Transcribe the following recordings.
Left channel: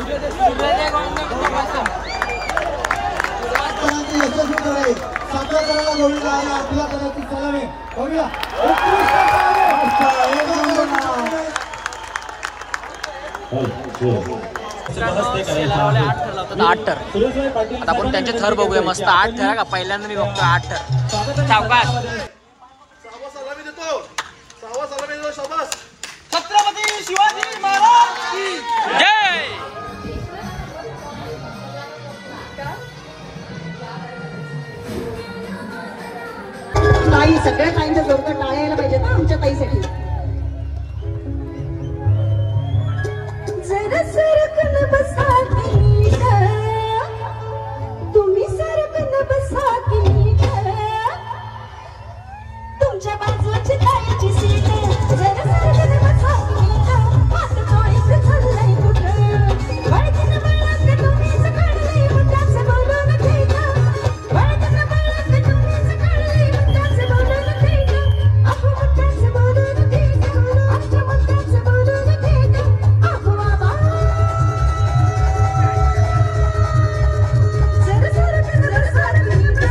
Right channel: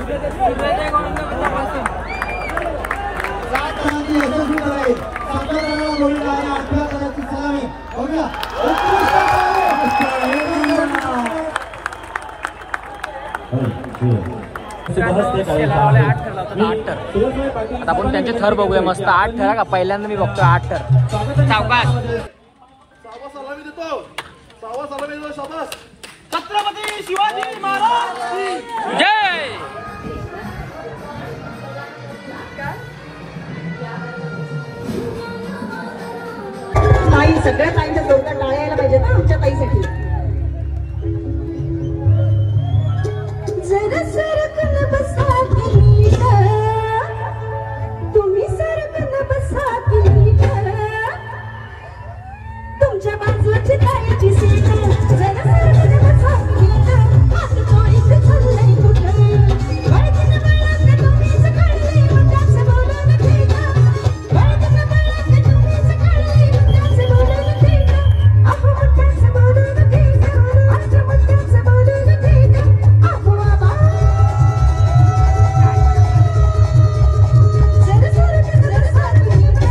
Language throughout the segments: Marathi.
आता आपण त्यांचे थर बघूया मस्त 8 थर का पहिल्यांदा मी बघतो 8 थर सावकाश छत्रपती शिवाजी महाराज जय ताई सगळ्या ताईंच्या जोरदार टाळ्या यायला पाहिजेत ना आमच्या ताईसाठी जरा सरकन बसा की नीट तुम्ही सरकन बसा की नीट तुमच्या बाजूची ताईची सीट जरा सरकन बसा की नीट हात जोडीत चाललंय कुठं वळकीनं वळक तुम्हीच काढलंय मुद्दाच बोलून ठीक वळकीनं वळक तुम्हीच काढलंय मुद्दाच बोलून ठीक अहो मुद्दाच बोलून ठीक आमच्या मुद्दाच बोलून ठीक अहो आबा जरा सरकन बसा की नीट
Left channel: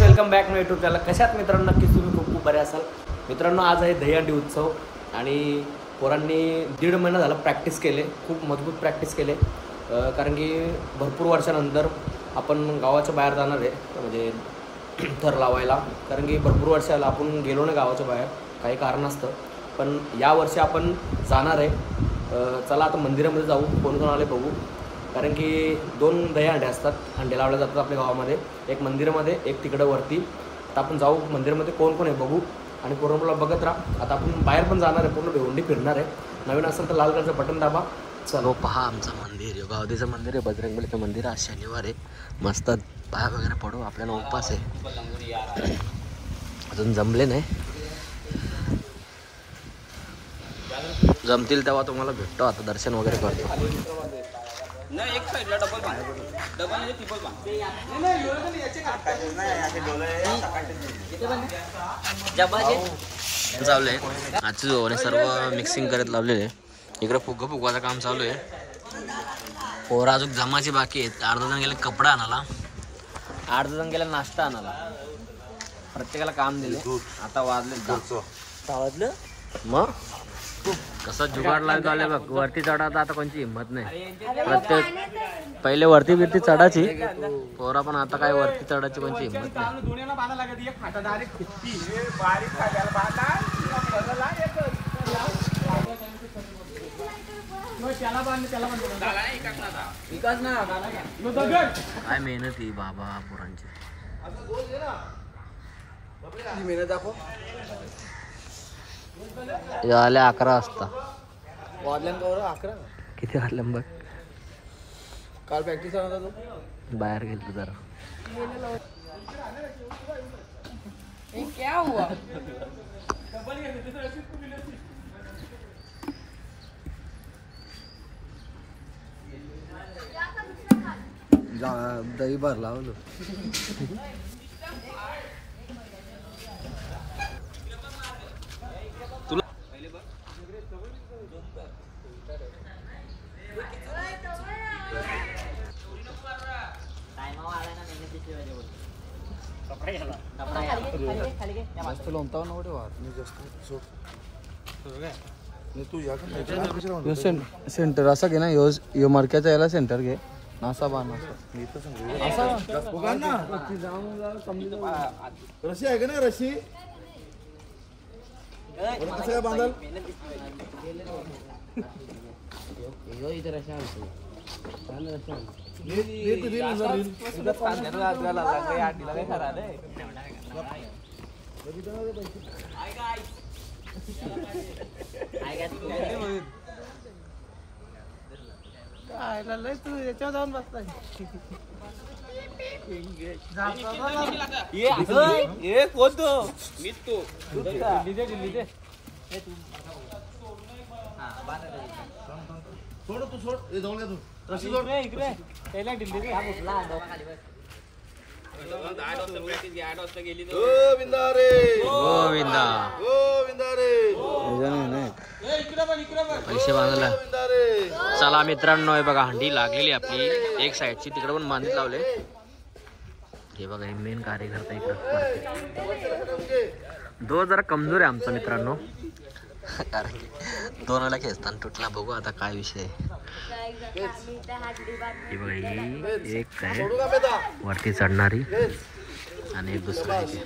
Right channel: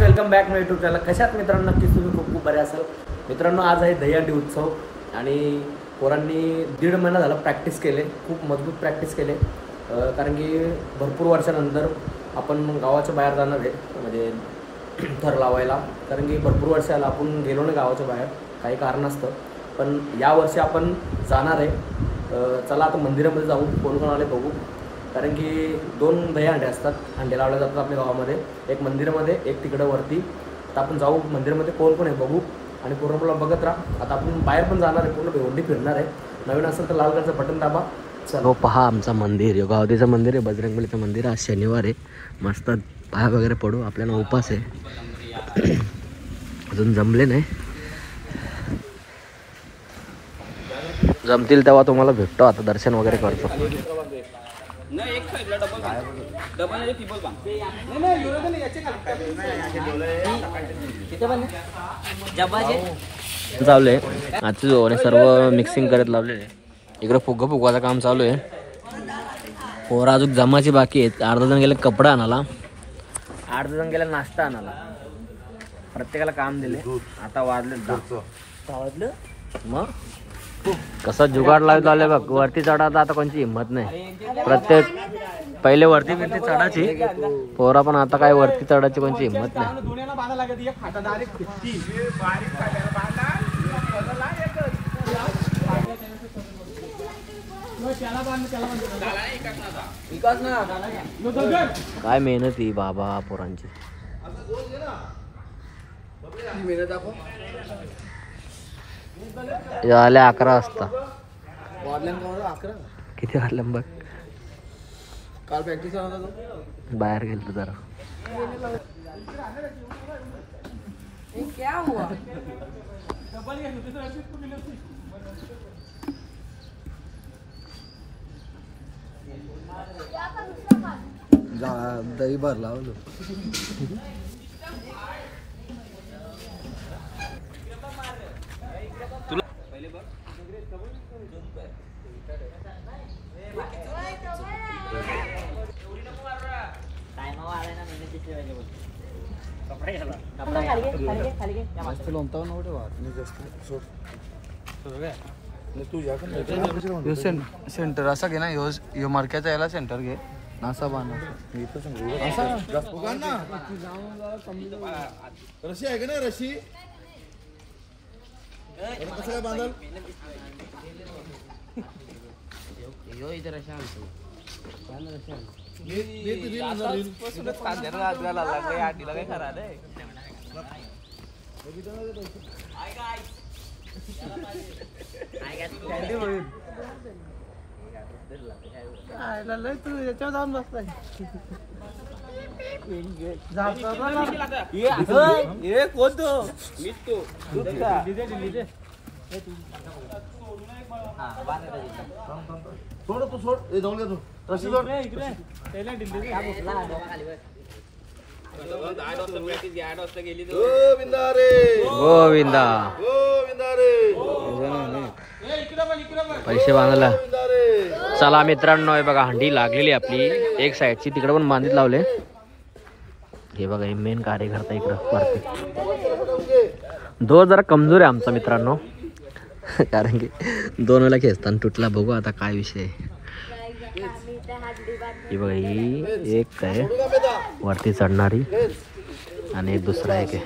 वेलकम बॅक माय यूट्यूब चॅनल. कशात मित्रांनो नक्कीच तुम्ही खूप बरे असाल. मित्रांनो आज आहे दहीहंडी उत्सव आणि पोरांनी 1.5 महिना झाला प्रॅक्टिस केले, खूप मजबूत प्रॅक्टिस केले. कारण की भरपूर वर्षानंतर आपण गावाच्या बाहेर जाणार आहे म्हणजे थर लावायला. कारण की भरपूर वर्षाला आपण गेलो नाही गावाच्या बाहेर काही कारण असतं, पण यावर्षी आपण जाणार आहे. चला आता मंदिरामध्ये जाऊ, कोण कोण आले बघू. कारण की 2 दहीहंडे असतात, हंडे लावले जातात आपल्या गावामध्ये, एक मंदिरामध्ये एक तिकडं वरती. आता आपण जाऊ मंदिरामध्ये कोण कोण आहे बघू आणि पूर्ण मला बघत राहा. आता आपण बाहेर पण जाणार आहे, पूर्ण भिवंडी फिरणार आहे. नवीन असेल तर लाल कलरचं बटन दाबा. चलो पहा आमचं मंदिर, गावदेचं मंदिर आहे, बजरंगबलीचं मंदिर. आज शनिवार आहे, मस्त पाया वगैरे पडू, आपल्याला उपास आहे. अजून जमले नाही, जमतील तेव्हा तुम्हाला भेटतो. आता दर्शन वगैरे करतो. चालू आहे आजची जोने सर्व मिक्सिंग करत लावलेले. इकडे फुगवाचं काम चालू आहे. पोरं अजून जमाची बाकी आहेत. अर्धा जण गेले कपडा आणायला, अर्धा जण गेले नाश्ता आणायला. प्रत्येकाला काम दिले. आता वाजले 10 मग कसा जुगाड लावत आले बघ. वरती चढायचा आता कोणची हिंमत नाही. प्रत्येक पहिले वरती बिरती चढायची पोरा, पण आता काय वरती चढायची कोणची हिंमत नाही. काय मेहनत ही बाबा पोरांची. झाले 11 वाजता. किती वाजल्या बघ. काल प्रॅक्टिस होता तो बाहेर गेलो जरा. दही भर लावलो. जास्त लोंबताव नव्हते वाट जास्त सोड तू या का सेंटर असा घे ना. यो मडक्याचा याला सेंटर घे. असा बाण मी तर सांगू असा रशी आहे का ना. रशी कसं बांधाल तू याच्यावर जाऊन बसलाय सोड तू सोड जाऊन घे तू रशी सोड गोविंदा रे गोविंदा गोविंदा रे पैसे बांधला गोविंदा रे चला मित्रांनो हे बघा हंडी लागलेली आपली एक साईडची तिकडे पण बांधित लावले हे बघा हे मेन कार्यकर्ता इकडं वरती दो जरा कमजोर आहे आमचा मित्रांनो कारण की 2 वेळा खेचताना तुटला बघू आता काय विषय आहे ही बघा ही एक आहे वरती चढणारी आणि एक दुसरा एक आहे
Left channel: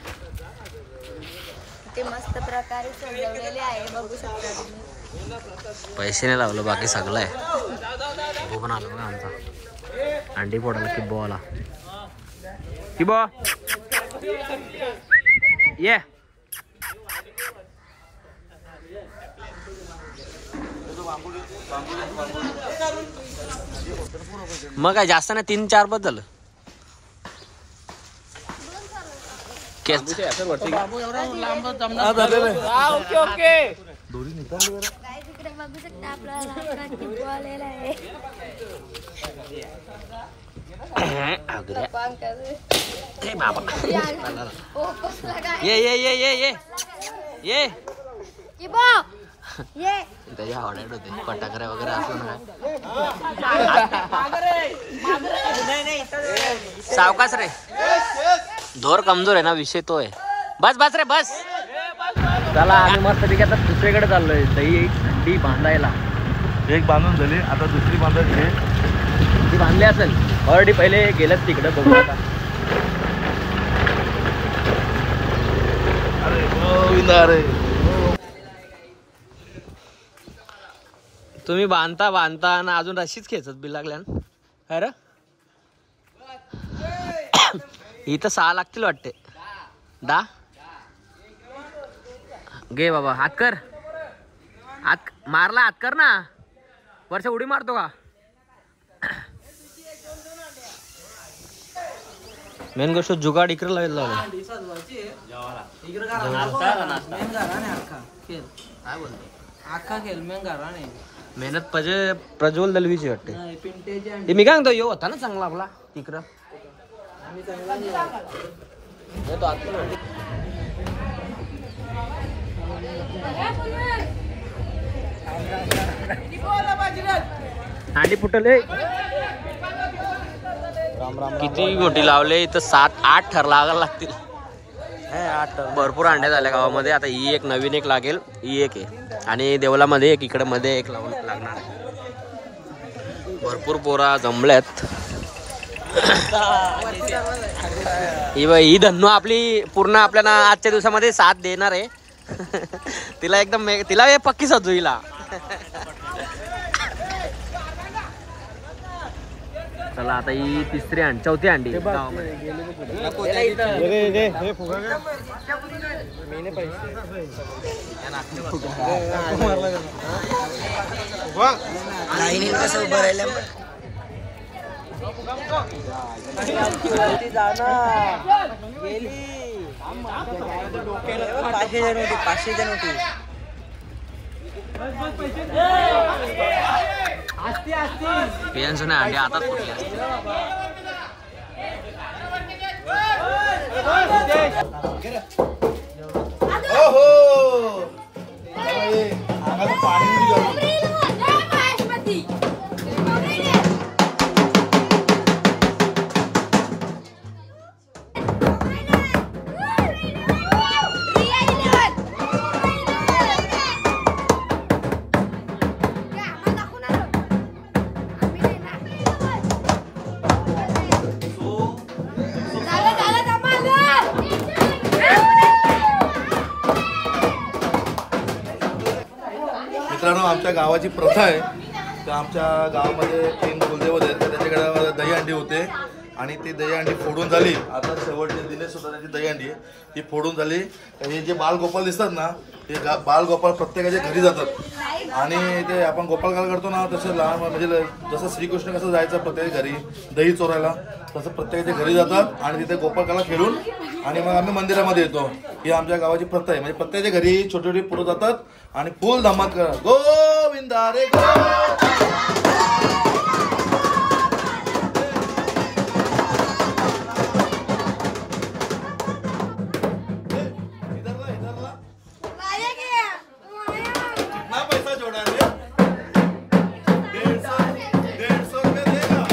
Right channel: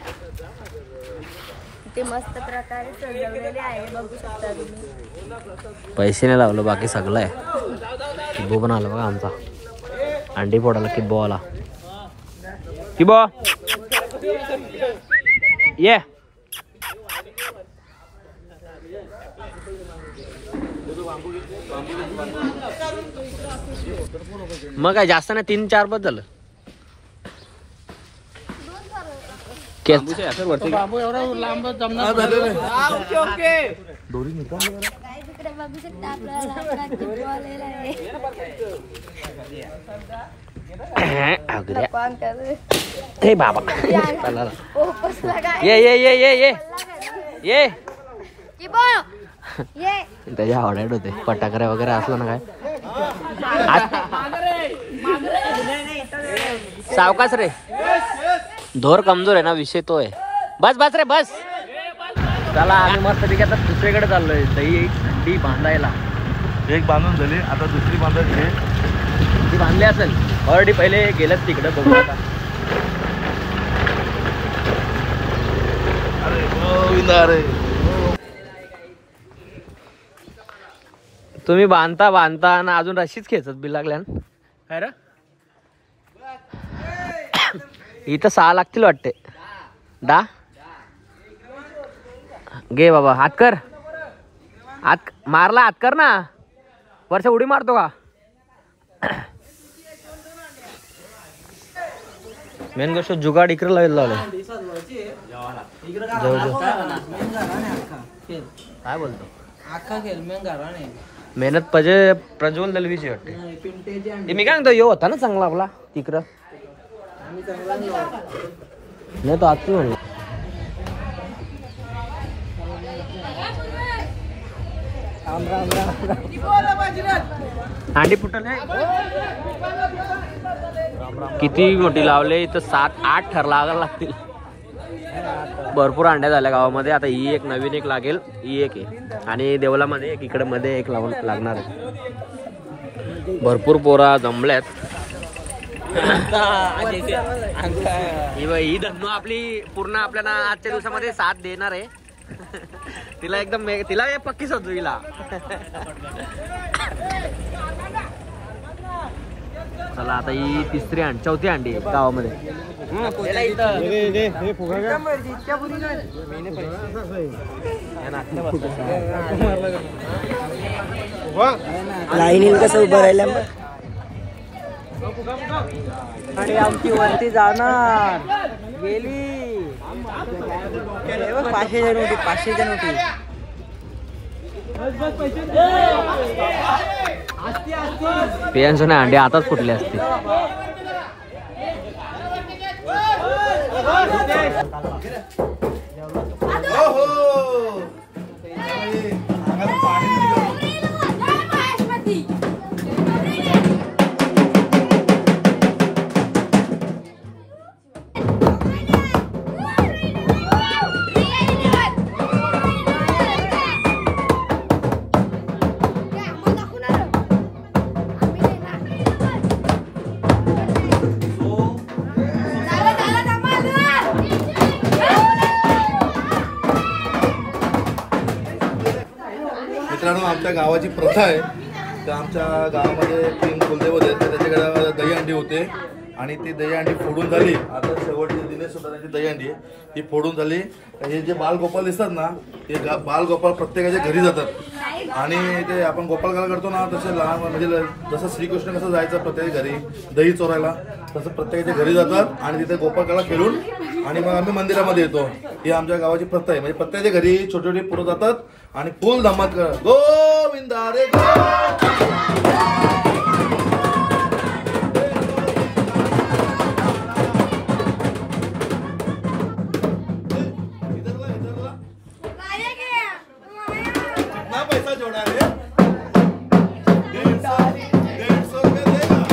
ते मस्त प्रकारे सजवलेले आहे बघू शकता तुम्ही. पैसे नाही लावलं बाकी सगळं आहे किब्बो पण आला बघा आमचा अंडी फोडायला किब्बो आला किब्बो ये मग काय जास्त नाही 3-4 बस झालं केस एवढा लांब जमणार काय तिकडे बघू शकता आपल्याला लाकडाची बॉल आहे अगद्या कोण करे हे बाबा ये ये ये ये ये ये की बा ये त्याच्या आवडायला होते फटाकऱ्या वगैरे असलं ना काय सावकाश रे धोर कमजोर आहे ना विषय तो आहे बस बस रे बस चला आम्ही मस्त पैकी आता दुसरीकडे चाललोय दही हंडी बांधायला एक बांधून झाली आता दुसरी बांधायची ती बांधली असेल ऑलरेडी पहिले गेलेत तिकडे बघू आता अरे गोविंदा रे तुम्ही बांधता बांधता आणि अजून रशीच खेचत बी लागल्या काय रे इथं 6 लागतील वाटते 10 घे बाबा हात कर हात मारला हात कर ना वर्ष उडी मारतो का मेन गोष्ट जुगाड इकडे लावले काय बोलतो अख्खा खेळ मेंगारा नाही मेहनत प्रज्वल दलवीची वाटते मी काय म्हणतो यो होता ना चांगला आपला तिकडं नाही तो आता नाही हांडी फुटले किती मोठी लावले इथं 7-8 थर लागायला लागतील भरपूर अंड्या झाल्या गावामध्ये आता ही एक नवीन एक लागेल ही एक आहे आणि देवलामध्ये एक इकडे मध्ये एक लावून लागणार आहे भरपूर पोरा जमल्यात ही धन्नू आपली पूर्ण आपल्याला आजच्या दिवसामध्ये साथ देणार आहे तिला एकदम तिला पक्की सजू हिला चला आता ही चौथी अंडी गावामध्ये लाईनील कसं उभं राहिलं पेयांचं नाही अंडे आताच फुटले असते चला आमच्या गावाची प्रथा आहे. तर आमच्या गावामध्ये 3 कुलदेवत आहेत, तर त्याच्याकडे दहीहंडी होते आणि ती दहीहंडी फोडून झाली. आता शेवटचे दिनेश सुद्धा त्यांची दहीहंडी आहे ती फोडून झाली. हे जे बालगोपाल दिसतात ना, हे बालगोपाल प्रत्येकाच्या घरी जातात आणि ते आपण गोपालकाला करतो ना, तसं लहान म्हणजे जसं श्रीकृष्ण कसं जायचं प्रत्येक घरी दही चोरायला, तसं प्रत्येकाच्या घरी जातात आणि तिथे गोपालकाला खेळून आणि मग आम्ही मंदिरामध्ये येतो. ही आमच्या गावाची प्रथा आहे. म्हणजे प्रत्येकाच्या घरी छोटी छोटी पोरं जातात आणि फुल धमाल करतात. गोविंदा रे कितना पैसा जोड़ा रे? 150 रुपये देगा.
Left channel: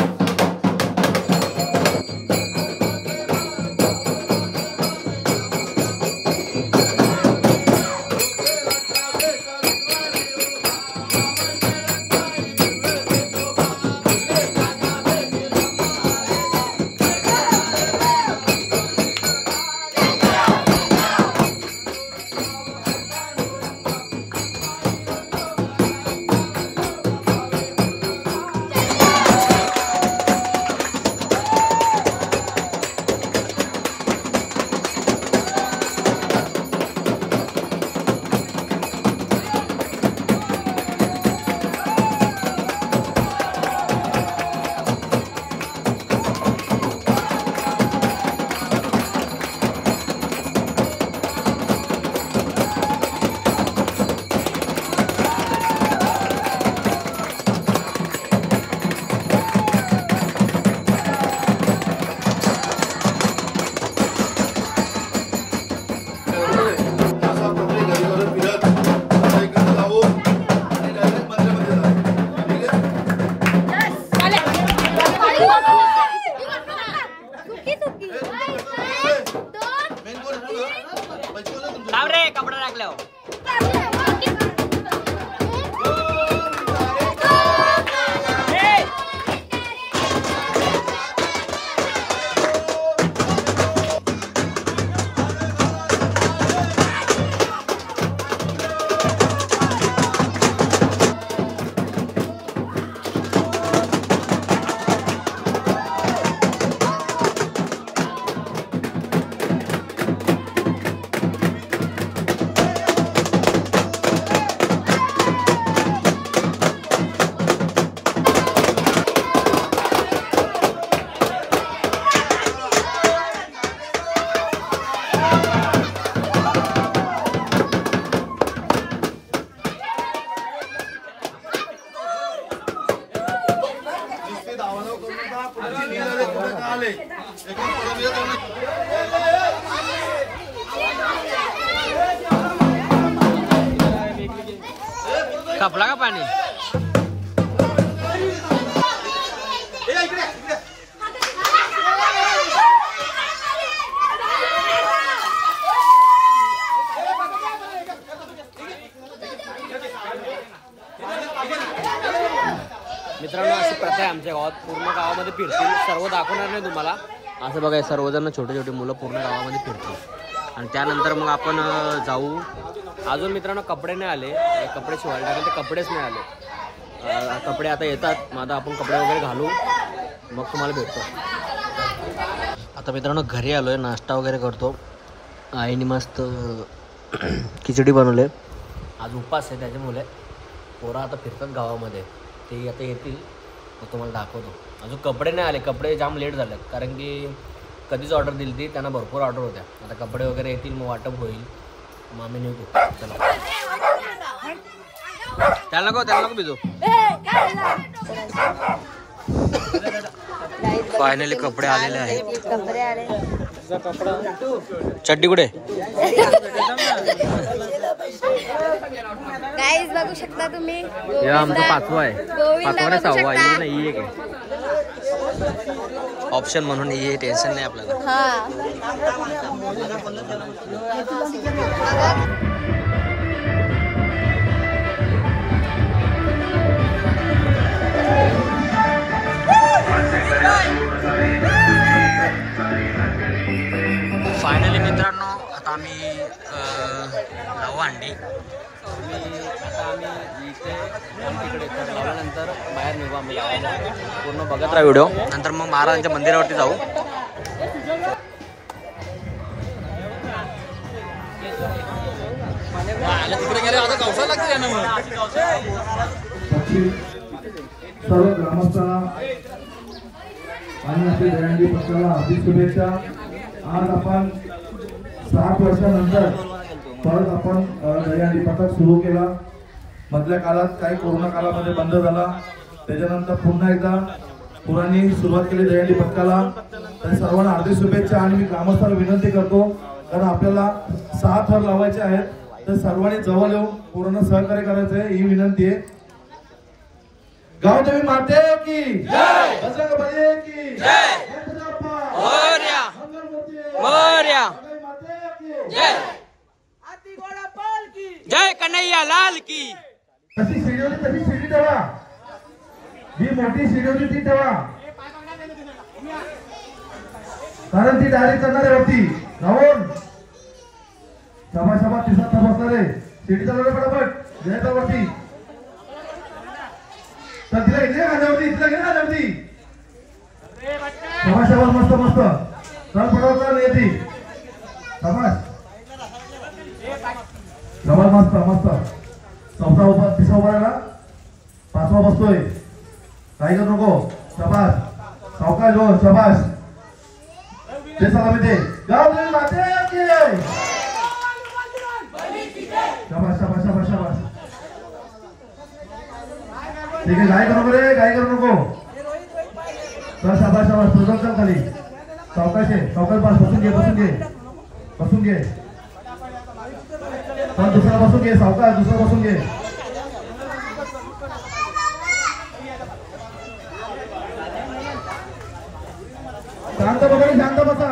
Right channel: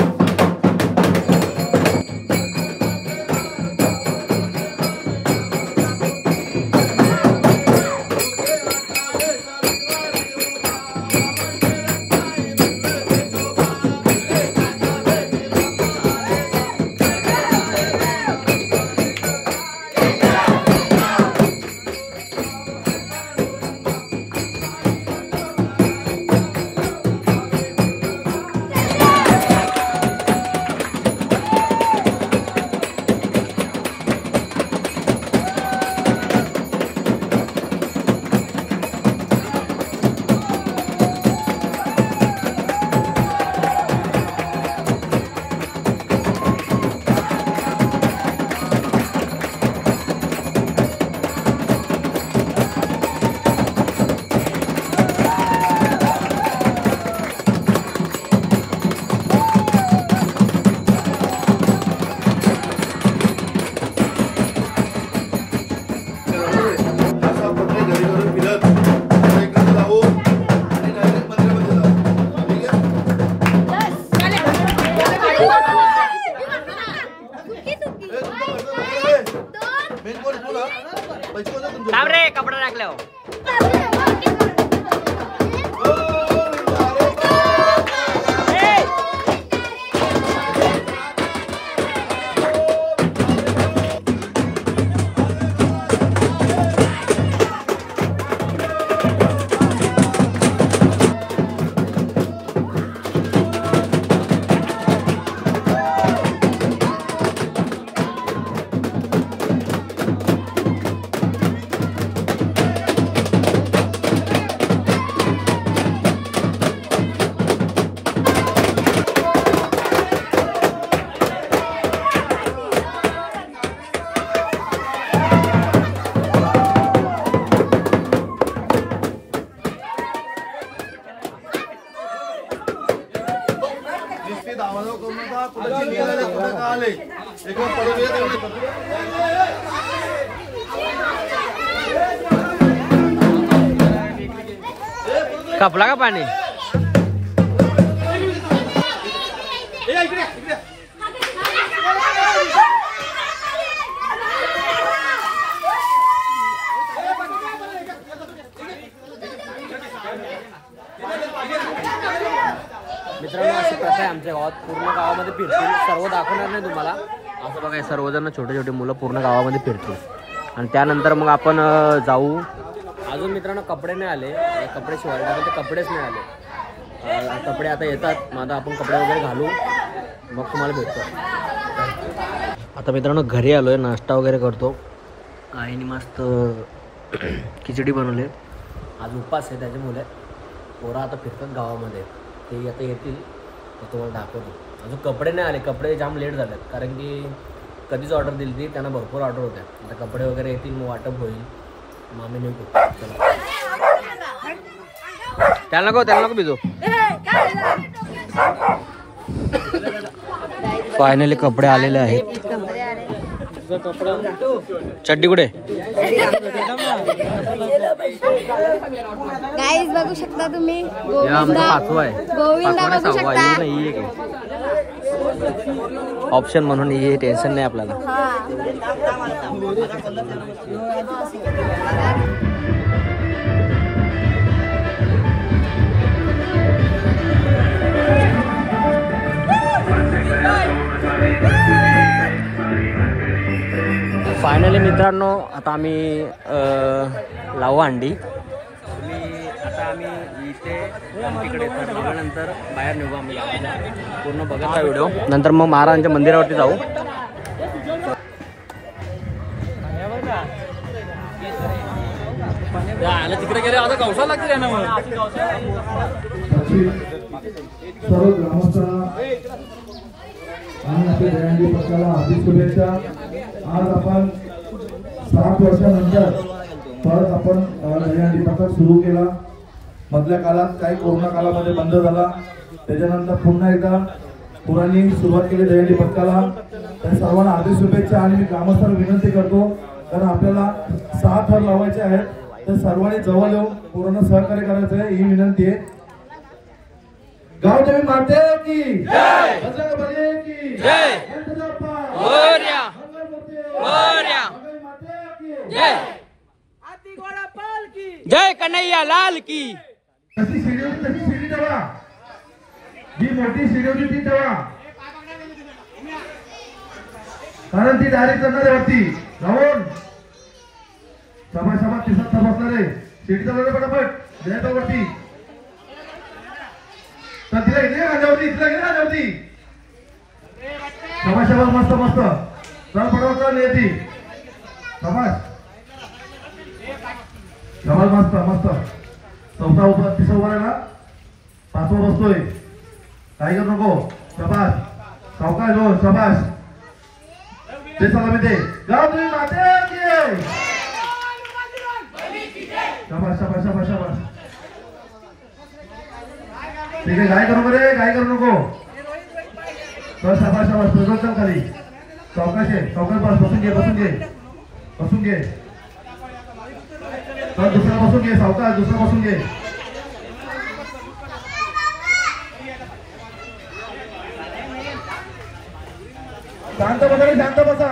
कपडा टाकल्यावर कपला का पाणी मित्रांनो अशी प्रथा आहे आमच्या गावात. पूर्ण गावामध्ये फिरतील, सर्व दाखवणार नाही तुम्हाला. असं बघा सर्वजण छोटे छोटे मुलं पूर्ण गावामध्ये फिरतील आणि त्यानंतर मग आपण जाऊ. अजून मित्रांनो कपडे नाही आले, कपडे शिवायला टाकले ते कपडेच नाही आले. कपडे आता येतात, मग आता आपण कपडे वगैरे घालू मग तुम्हाला भेटतो. आता मित्रांनो घरी आलो आहे, नाश्ता वगैरे करतो. आईने मस्त खिचडी बनवले, आज उपवास आहे त्याच्यामुळे. पोरं आता फिरतात गावामध्ये, ते आता येतील मग तुम्हाला दाखवतो. अजून कपडे नाही आले, कपडे जाम लेट झालेत कारण की कधीच ऑर्डर दिली ती, त्यांना भरपूर ऑर्डर होत्या. आता कपडे वगैरे येतील मग वाटप होईल. मग आम्ही निघू. चला त्याला नको भिजो. फायनली कपडे आलेले आहेत. चड्डी कुठे? गाइस बघू शकता तुम्ही, आमचं 5वा आहे, 5वा नाही 6वा आहे. नाही एक ऑप्शन म्हणून ये, टेन्शन नाही आपल्याला. फायनली मित्रांनो आता आम्ही लावू अंडी. तुम्ही आता आता आम्ही इथे तिकडे तर लावल्यानंतर बाहेर निघू आम्ही गावाच्या. पूर्ण बघत राहा व्हिडिओ. नंतर मग महाराजांच्या मंदिरावरती जाऊ. सर्व ग्रामस्थांना आणि आपल्या दहीहंडी पथकाला हार्दिक शुभेच्छा. आज आपण 7 वर्षानंतर परत आपण दहीहंडी पथक सुरू केला. मधल्या काळात काही कोरोना काळामध्ये बंद झाला, त्याच्यानंतर पुन्हा एकदा पुराणी सुरुवात केली दहीहंडी पथकाला. तर सर्वांना हार्दिक शुभेच्छा. आणि मी ग्रामस्थांना विनंती करतो, कारण आपल्याला 6 थर लावायचे आहेत, तर सर्वांनी जवळ येऊन पूर्ण सहकार्य करायचं आहे, ही विनंती आहे. गावदेवी माते की जय, बजरंगबली की जय, मोरया मोरया जय जय कन्हैया लाल की. कशी सीडी होती तशी सीडी ठेवा, जी मोठी सीडी होती ती ठेवा, कारण ती डायरेक्ट करणार आहे वरती जाऊन. सभा तिसरा थर बसणार आहे, सीडी चालवलं पटापट द्यायचा वरती. तर तिला इथे खाल्यावरती, तिला इथे खाल्यावरती. सभा मस्त मस्त चल पटापट चाल येते. सभा मस्त मस्त. चौथा उभा, तिसरा उभा राहिला, 5वा बसतोय. काय करू नको. सभास सावकाश हो, सभास ते सलामी दे. गावदेवी माते की शाबास शाबास शाबास शाबास. ठीक आहे, काय करू नको रे, काय करू नको. चल शाबास शाबास. तुझं चल खाली. सावकाश आहे, सावकाश बस. बसून घे बसून घे बसून घे. पण दुसरा बसून घे, सावकाश दुसरा बसून घे. शांत बसा, शांत बसा.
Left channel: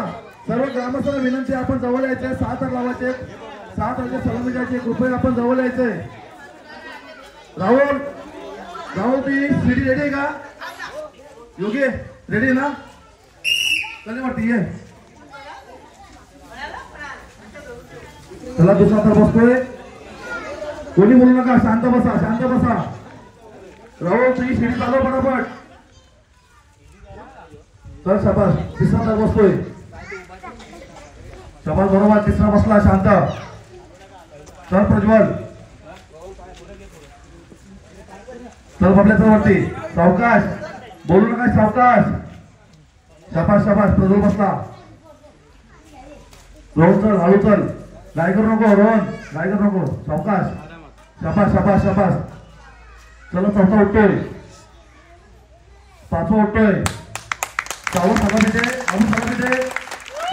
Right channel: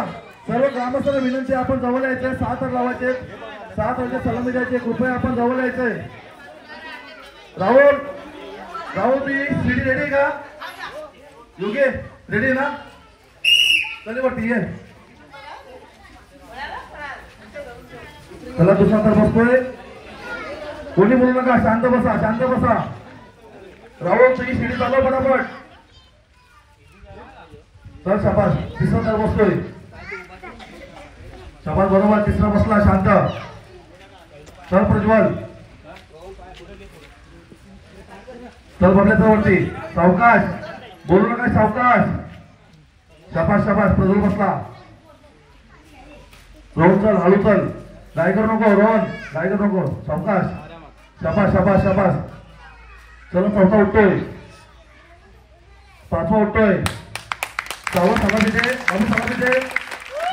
सर्व ग्रामस्थांना विनंती, आपण जवळ यायचंय. 6 थर लावायचे, 7 थरचे सलामी द्यायचे. कृपया आपण जवळ यायचंय. राहुल ती सीडी रेडी आहे का? योग्य रेडी ना? चले वरती ये. चला दुसरा थर बसतोय. कोणी बोलू नका, शांत बसा शांत बसा. राहुल तुझी सीडी चालव पटापट. चल शाबास. तिसरा थर बसतोय. शाबास बरोबर. तिसरा बसला, शांत. चल प्रज्वल. चल बघल्याचं वरती. सावकाश बोलू नका, सावकाश. शाबास शाबास. प्रज्वल बसला. रोहन चल, हळू चल. गाय करू नको रोहन, गाय करू नको. सावकाश. शाबास शाबास शाबास. चला 4था उठतोय, 5वा उठतोय. 6वा सलामी दे, अजून सलामी दे.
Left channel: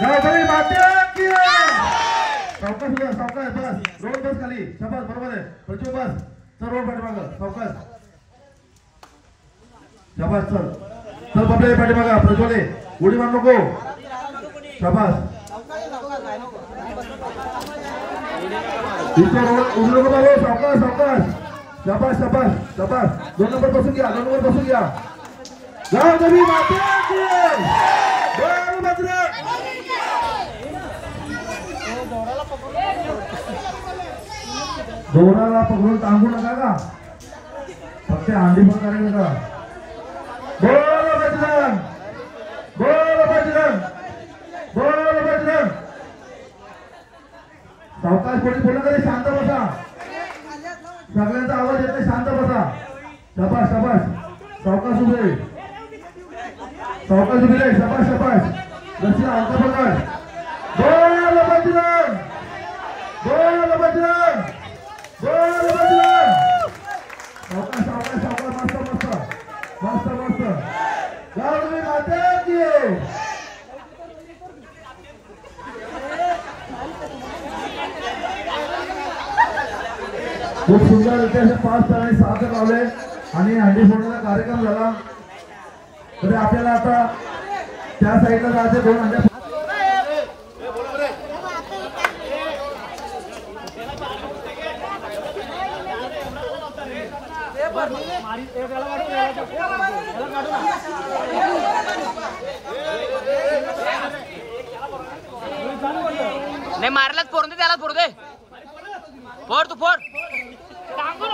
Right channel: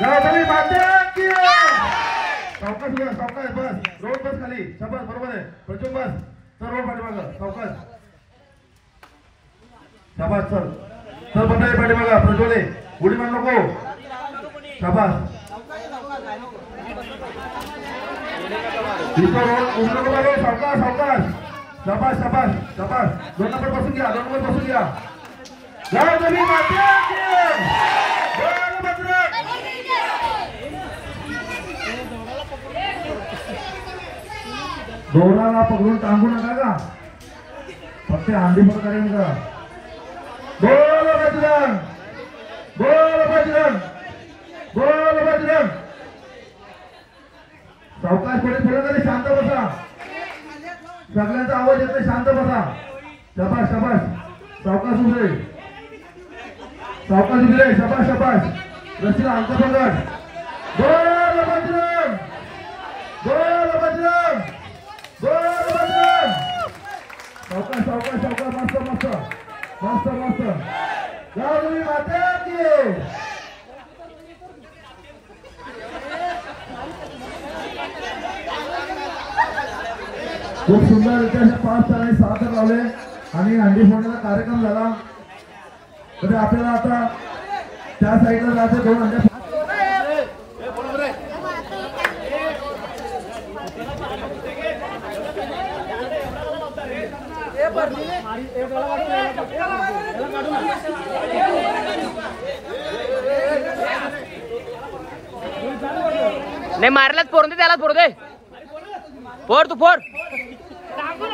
गावदेवी माते की सावकाश उभा, सावकाश बस. रोहन बस खाली. शाबास बरोबर आहे. प्रज्वल बस. चल रोहन पाठीमागं. सावकाश. शाबास. चल बाबा पाठीमागं. प्रज्वल उडी मार नको. शाबास. दुसरा रोड उडी नको मारो. सावकाश सावकाश. शाबास शाबास शाबास. 2 नंबर बसून घ्या, 2 नंबर बसून घ्या. गावदेवी माते की जय, बजरंग. गौराला पकडून टांगू नका का, फक्त अंडी पण करायचं का. बोल बजरंग, बोल बजरंग, बोल बजरंग. सावकाश पडे बोला तरी शांत बसा. सगळ्यांचा आवाज येतो, शांत बसा. शाबास शाबास. सावकाश उभे, सावकाश उभे रे. शाबास शाबास. रस्त्याला अंक पकड. बोल बजरंग, बोल बजरंग, बोल बजरंग. सावकाश सावकाश सावकाश. मस्त मस्त मस्त मस्त. गावदेवी माते की खूप सुंदर इथे 5 आणि 6 लावले आणि हंडी फोडण्याचा कार्यक्रम झाला. तरी आपल्याला आता त्या साईडला जायचं. 2 हंड्या नाही मारलाच फोड दे, त्यालाच फोड दे. फोड तू फोड. टांगू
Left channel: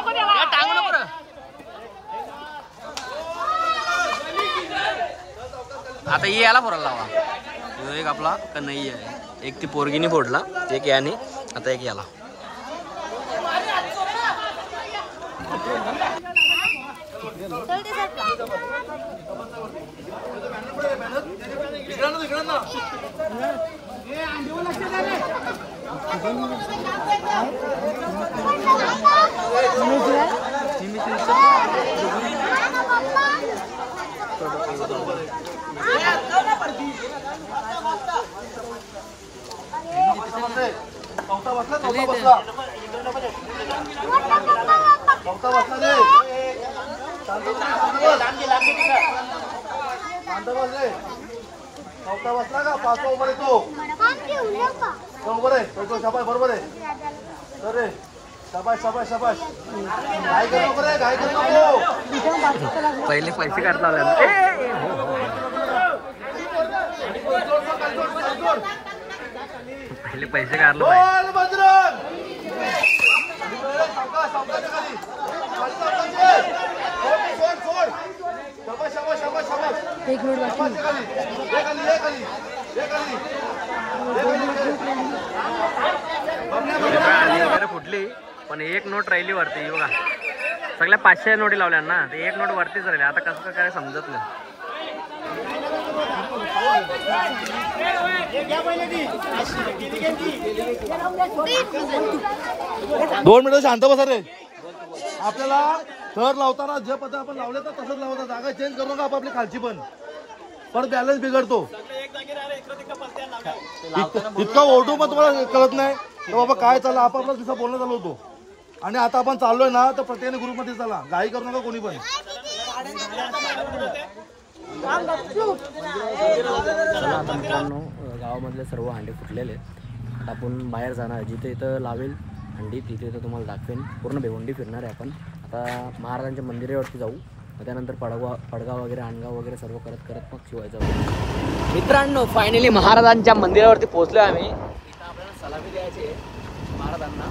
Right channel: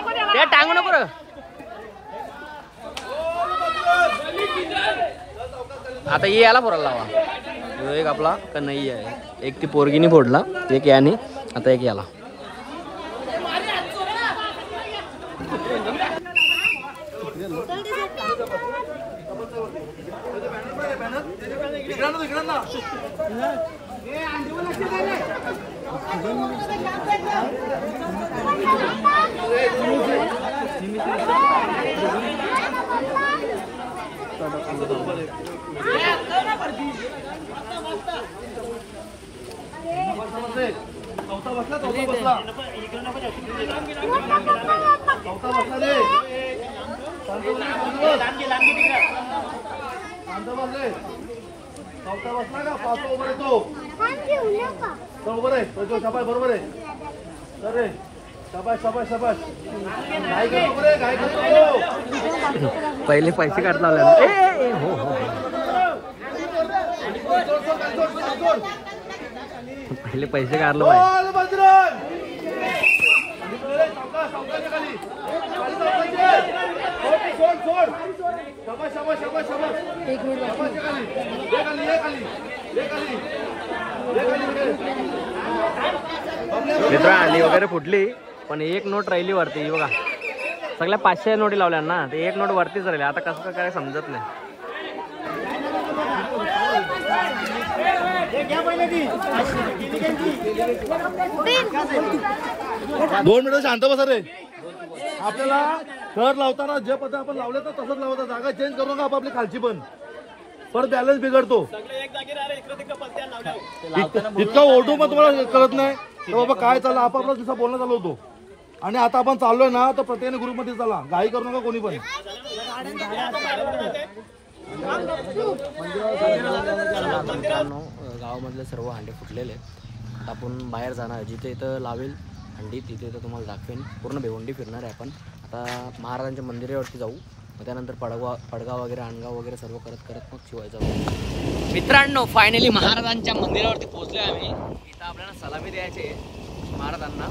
नको रे. आता ये याला फोडायला लावा. ह्यो एक आपला कन्हैया आहे, एक ती पोरगीनी फोडला, एक याने, आता एक याला. चौथा बसला चौथा बसला चौथा बसला रे. शांत बस रे. चौथा बसला का पाचवा उभा रे तो उभा रे तो शाबाश बरोबर आहे. तर रे शाबाश शाबाश शाबाश. घाई करू नको रे घाई करू नको. पहिले पैसे काढता पहिले पैसे काढलो. बजरंग सावकाच्या खाली खाली सावकाचे. सोड सोड. शाबाश शाबाश शाबाश शाबाश. शाबाशच्या खाली ये खाली ये खाली ये खाली ये खाली. मित्र आली वगैरे फुटली, पण एक नोट राहिली वरती बघा. सगळ्या 500 नोटी लावल्या ना, ते एक नोट वरतीच राहिली. आता कसं काय समजत नाही. 2 मिनिटं शांत बसा रे. आपल्याला थर लावताना जे पद्धत आपण लावले तर तसंच लावता. जागा चेंज करू नका आपली खालची पण. परत बॅलन्स बिघडतो. इतका ओढू पण तुम्हाला कळत नाही तर बाबा काय चाललं. आपापला दिवसा बोलणं चालू होतो. आणि आता आपण चाललोय ना तर प्रत्येकाने ग्रुपमध्ये चला. घाई करू नका कोणी पण. चला आता मित्रांनो, गावामधले सर्व हांडे फुटलेले आहेत. आता आपण बाहेर जाणार. जिथे इथं लावेल हंडी तिथे इथं तुम्हाला दाखवेन. पूर्ण भिवंडी फिरणार आहे आपण. आता महाराजांच्या मंदिरावरती जाऊ, मग त्यानंतर पडगाव वगैरे अणगाव वगैरे सर्व करत करत मग शिवायचं. मित्रांनो फायनली महाराजांच्या मंदिरावरती पोहोचलो आम्ही. इथं आपल्याला सलामी द्यायची आहे महाराजांना.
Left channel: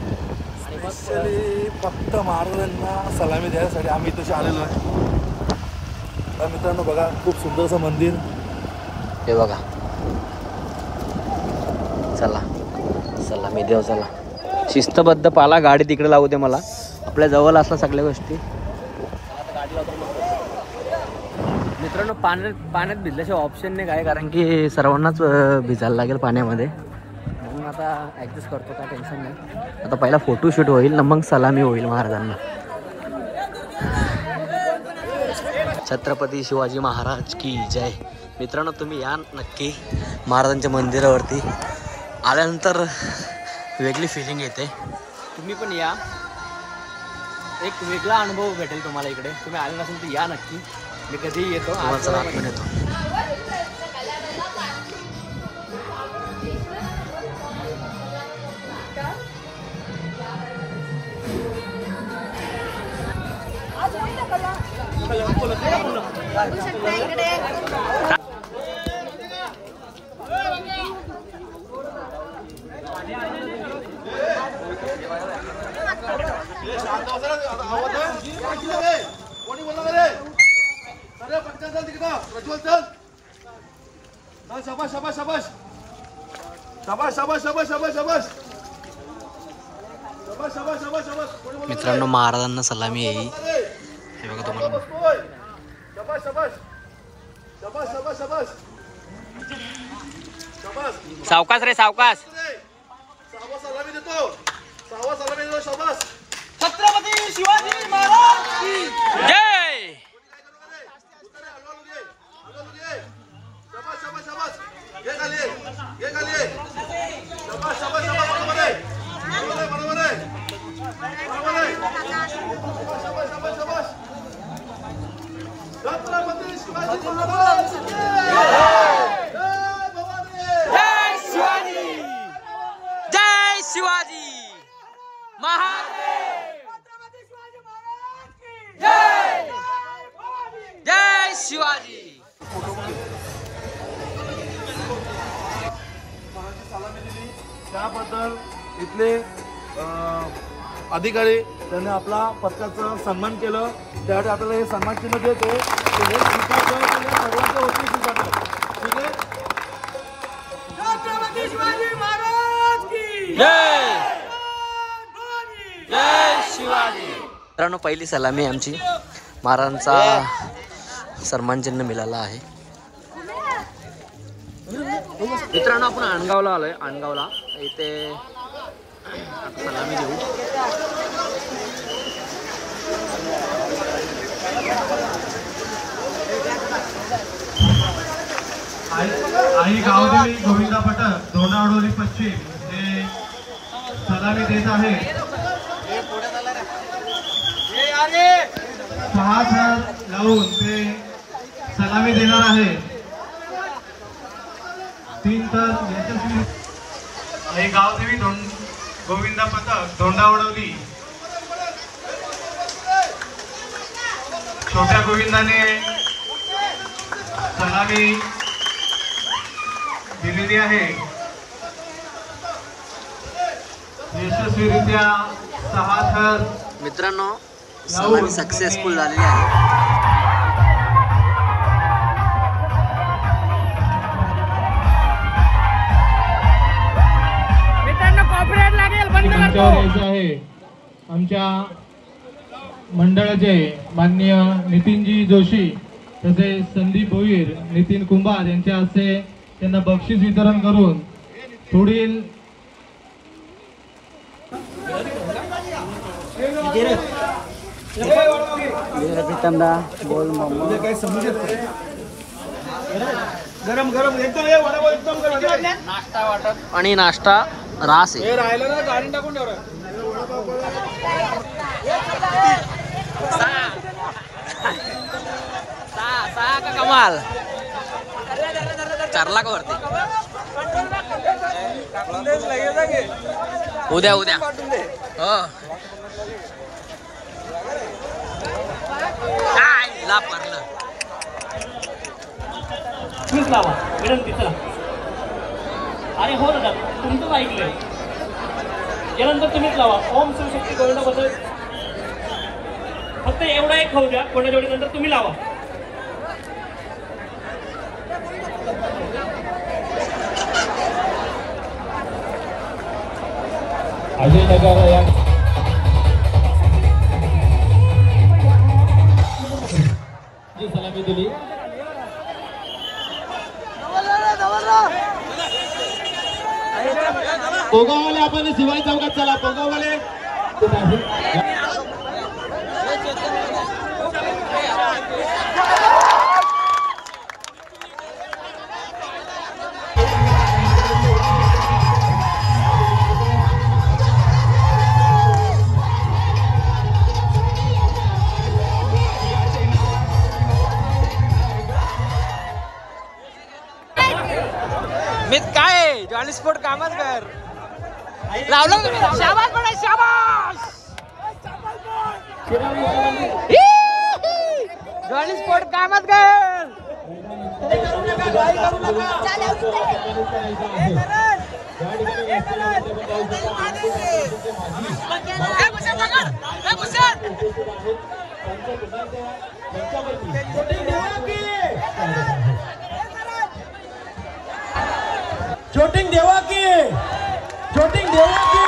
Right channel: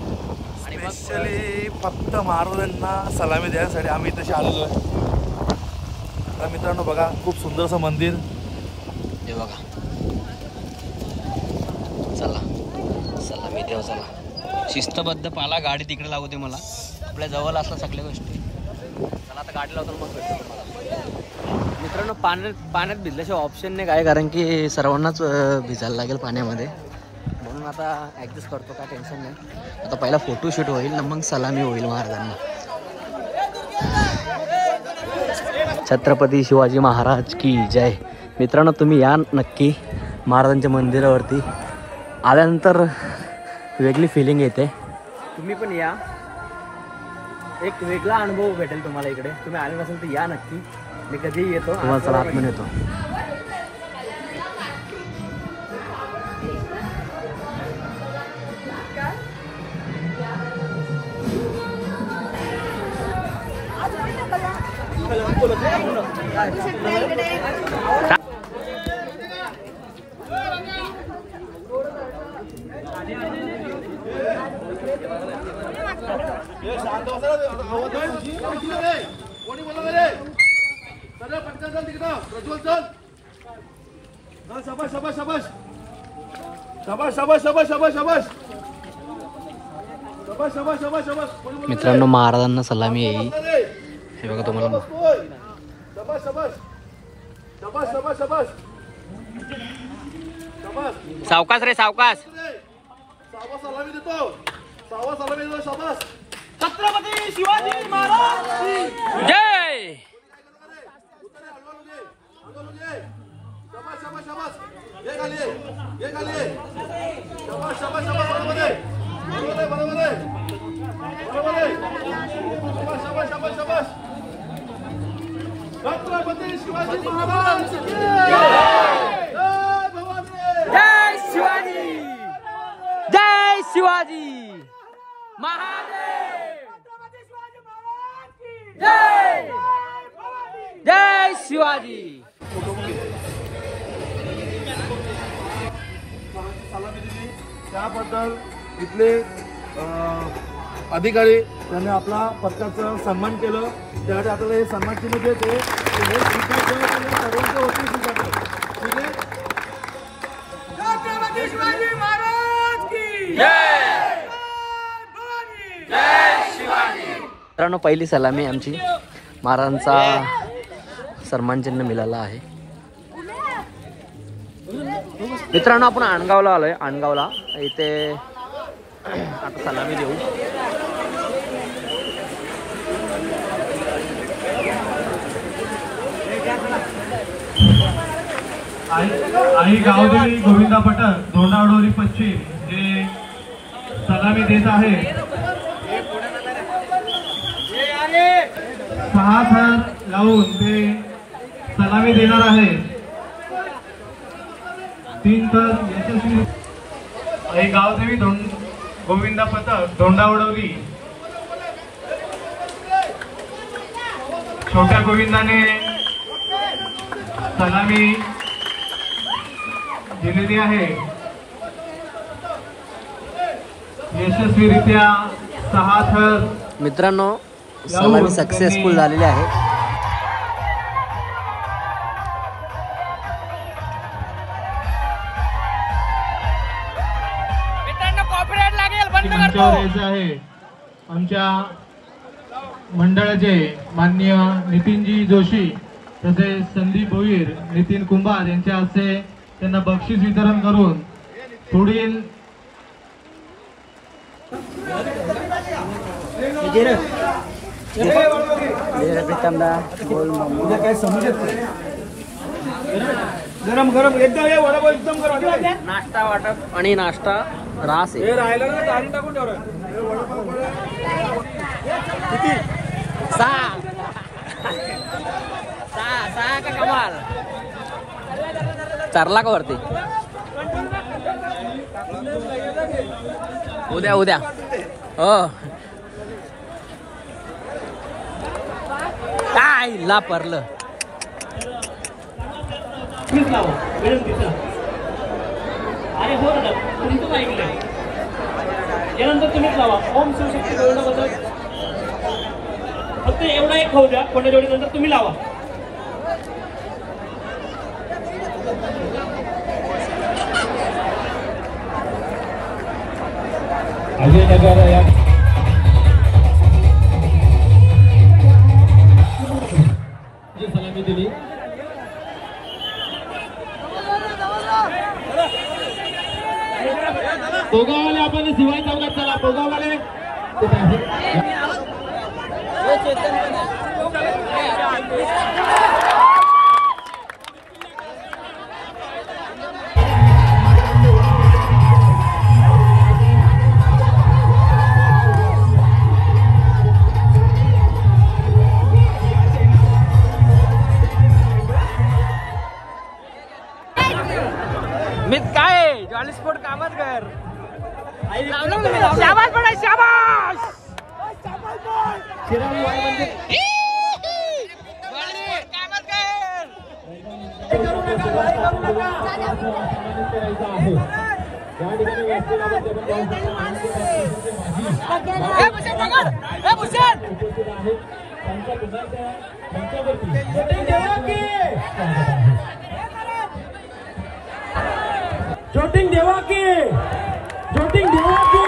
आणि स्पेशली फक्त महाराजांना सलामी देण्यासाठी आम्ही इथं आलेलो आहे. तर मित्रांनो बघा खूप सुंदरसं मंदिर हे बघा. चला सलामी देव. चला शिस्तबद्ध पाला. गाडी तिकडे लावू दे मला. आपल्या जवळ असल्या सगळ्या गोष्टी. चला आता गाडी लावतो मग. मित्रांनो पाण्यात भिजल्याशिवाय ऑप्शन नाही काय, कारण की सर्वांनाच भिजायला लागेल पाण्यामध्ये. म्हणून आता ॲडजस्ट करतो, काय टेन्शन नाही. आता पहिला फोटोशूट होईल ना मग सलामी होईल महाराजांना. छत्रपती शिवाजी महाराज की जय. मित्रांनो तुम्ही या नक्की महाराजांच्या मंदिरावरती. आल्यानंतर वेगळी फिलिंग येते. तुम्ही पण या, एक वेगळा अनुभव भेटेल तुम्हाला इकडे. तुम्ही आले नसेल तर या नक्की. मी कधीही येतो तुम्हाला. चला आतमध्ये येतो. शाबाश शाबाश शाबाश शाबाश शाबाश शाबाश शाबाश शाबाश शाबाश शाबाश शाबाश शाबाश. मित्रांनो महाराजांना सलामी येईल. हे बघा तुम्हाला. शाबाश शाबाश शाबाश शाबाश शाबाश शाबाश. सावकाश रे सावकाश. सावा सलामी देतो. सावा सलामी देतो. शाबाश. छत्रपती शिवाजी महाराज की जय. शाबाश शाबाश शाबाश. ये खाली ये खाली. शाबाश शाबाश शाबाश. बरोबर आहे बरोबर आहे बरोबर आहे बरोबर आहे. शाबाश शाबाश शाबाश शाबाश. छत्रपती शिवाजी महाराज की जय. जय भवानी. जय शिवाजी. जय शिवाजी महाराज. जय जय शिवाजी. सलामी दिली त्याबद्दल इथले अधिकारी त्यांनी आपला पथकाचा सन्मान केलं. त्यासाठी आपल्याला हे सन्मान चिन्ह देते. हे स्वीकारतो सर्वांच्या वतीने स्वीकारतो. ठीक आहे. छत्रपती शिवाजी महाराज की मित्रांनो पहिली सलामी आमची महाराजांचा सन्मान चिन्ह मिळाला आहे. मित्रांनो आपण आणगावला आलोय. आणगावला इथे आता सलामी देऊ. आणि गावदेवी गोविंदा पटक धोंडावडोली पश्चिम जे सलामी देत आहे. 6 थर लावून ते सलामी देणार आहे. 3 थर यशस्वी. आणि गावदेवी गोविंदा पथक धोंडावडोली छोट्या गोविंदाने सलामी दिलेली आहे. यशस्वीरित्या 6 थर. मित्रांनो सलामी सक्सेसफुल झालेली आहे. आमच्या मंडळाचे माननीय नितीनजी जोशी तसेच संदीप भोईर, नितीन कुंभार यांच्या हस्ते त्यांना बक्षीस वितरण करून पुढील गरम गरम एकदम एकदम नाश्ता वाटप आणि नाश्ता रास आहे. हे राहिलं ना गाडी टाकून ठेवलं. किती? 6 का कमाल 4 लाख वरती. उद्या काय लापरलं. तुम्हीच लावा विनंती. चला अरे हो दादा तुमचंच ऐकलं. यानंतर तुम्हीच लावा. ओम शिवशक्ती गोविंदाबद्दल फक्त एवढा एक खाऊ द्या. कोणत्या जोडी नंतर तुम्ही लावा. अजयनगर या सलामी दिली. पोगावले आपण शिवाय चौकात चला. पोगावले मी काय जॉली स्पोर्ट कामच कर लावलं तुम्ही. शाबास पडा शाबास. जॉली स्पोर्ट कामच कर. जोटिंग देवा की जोटिंग देवा की.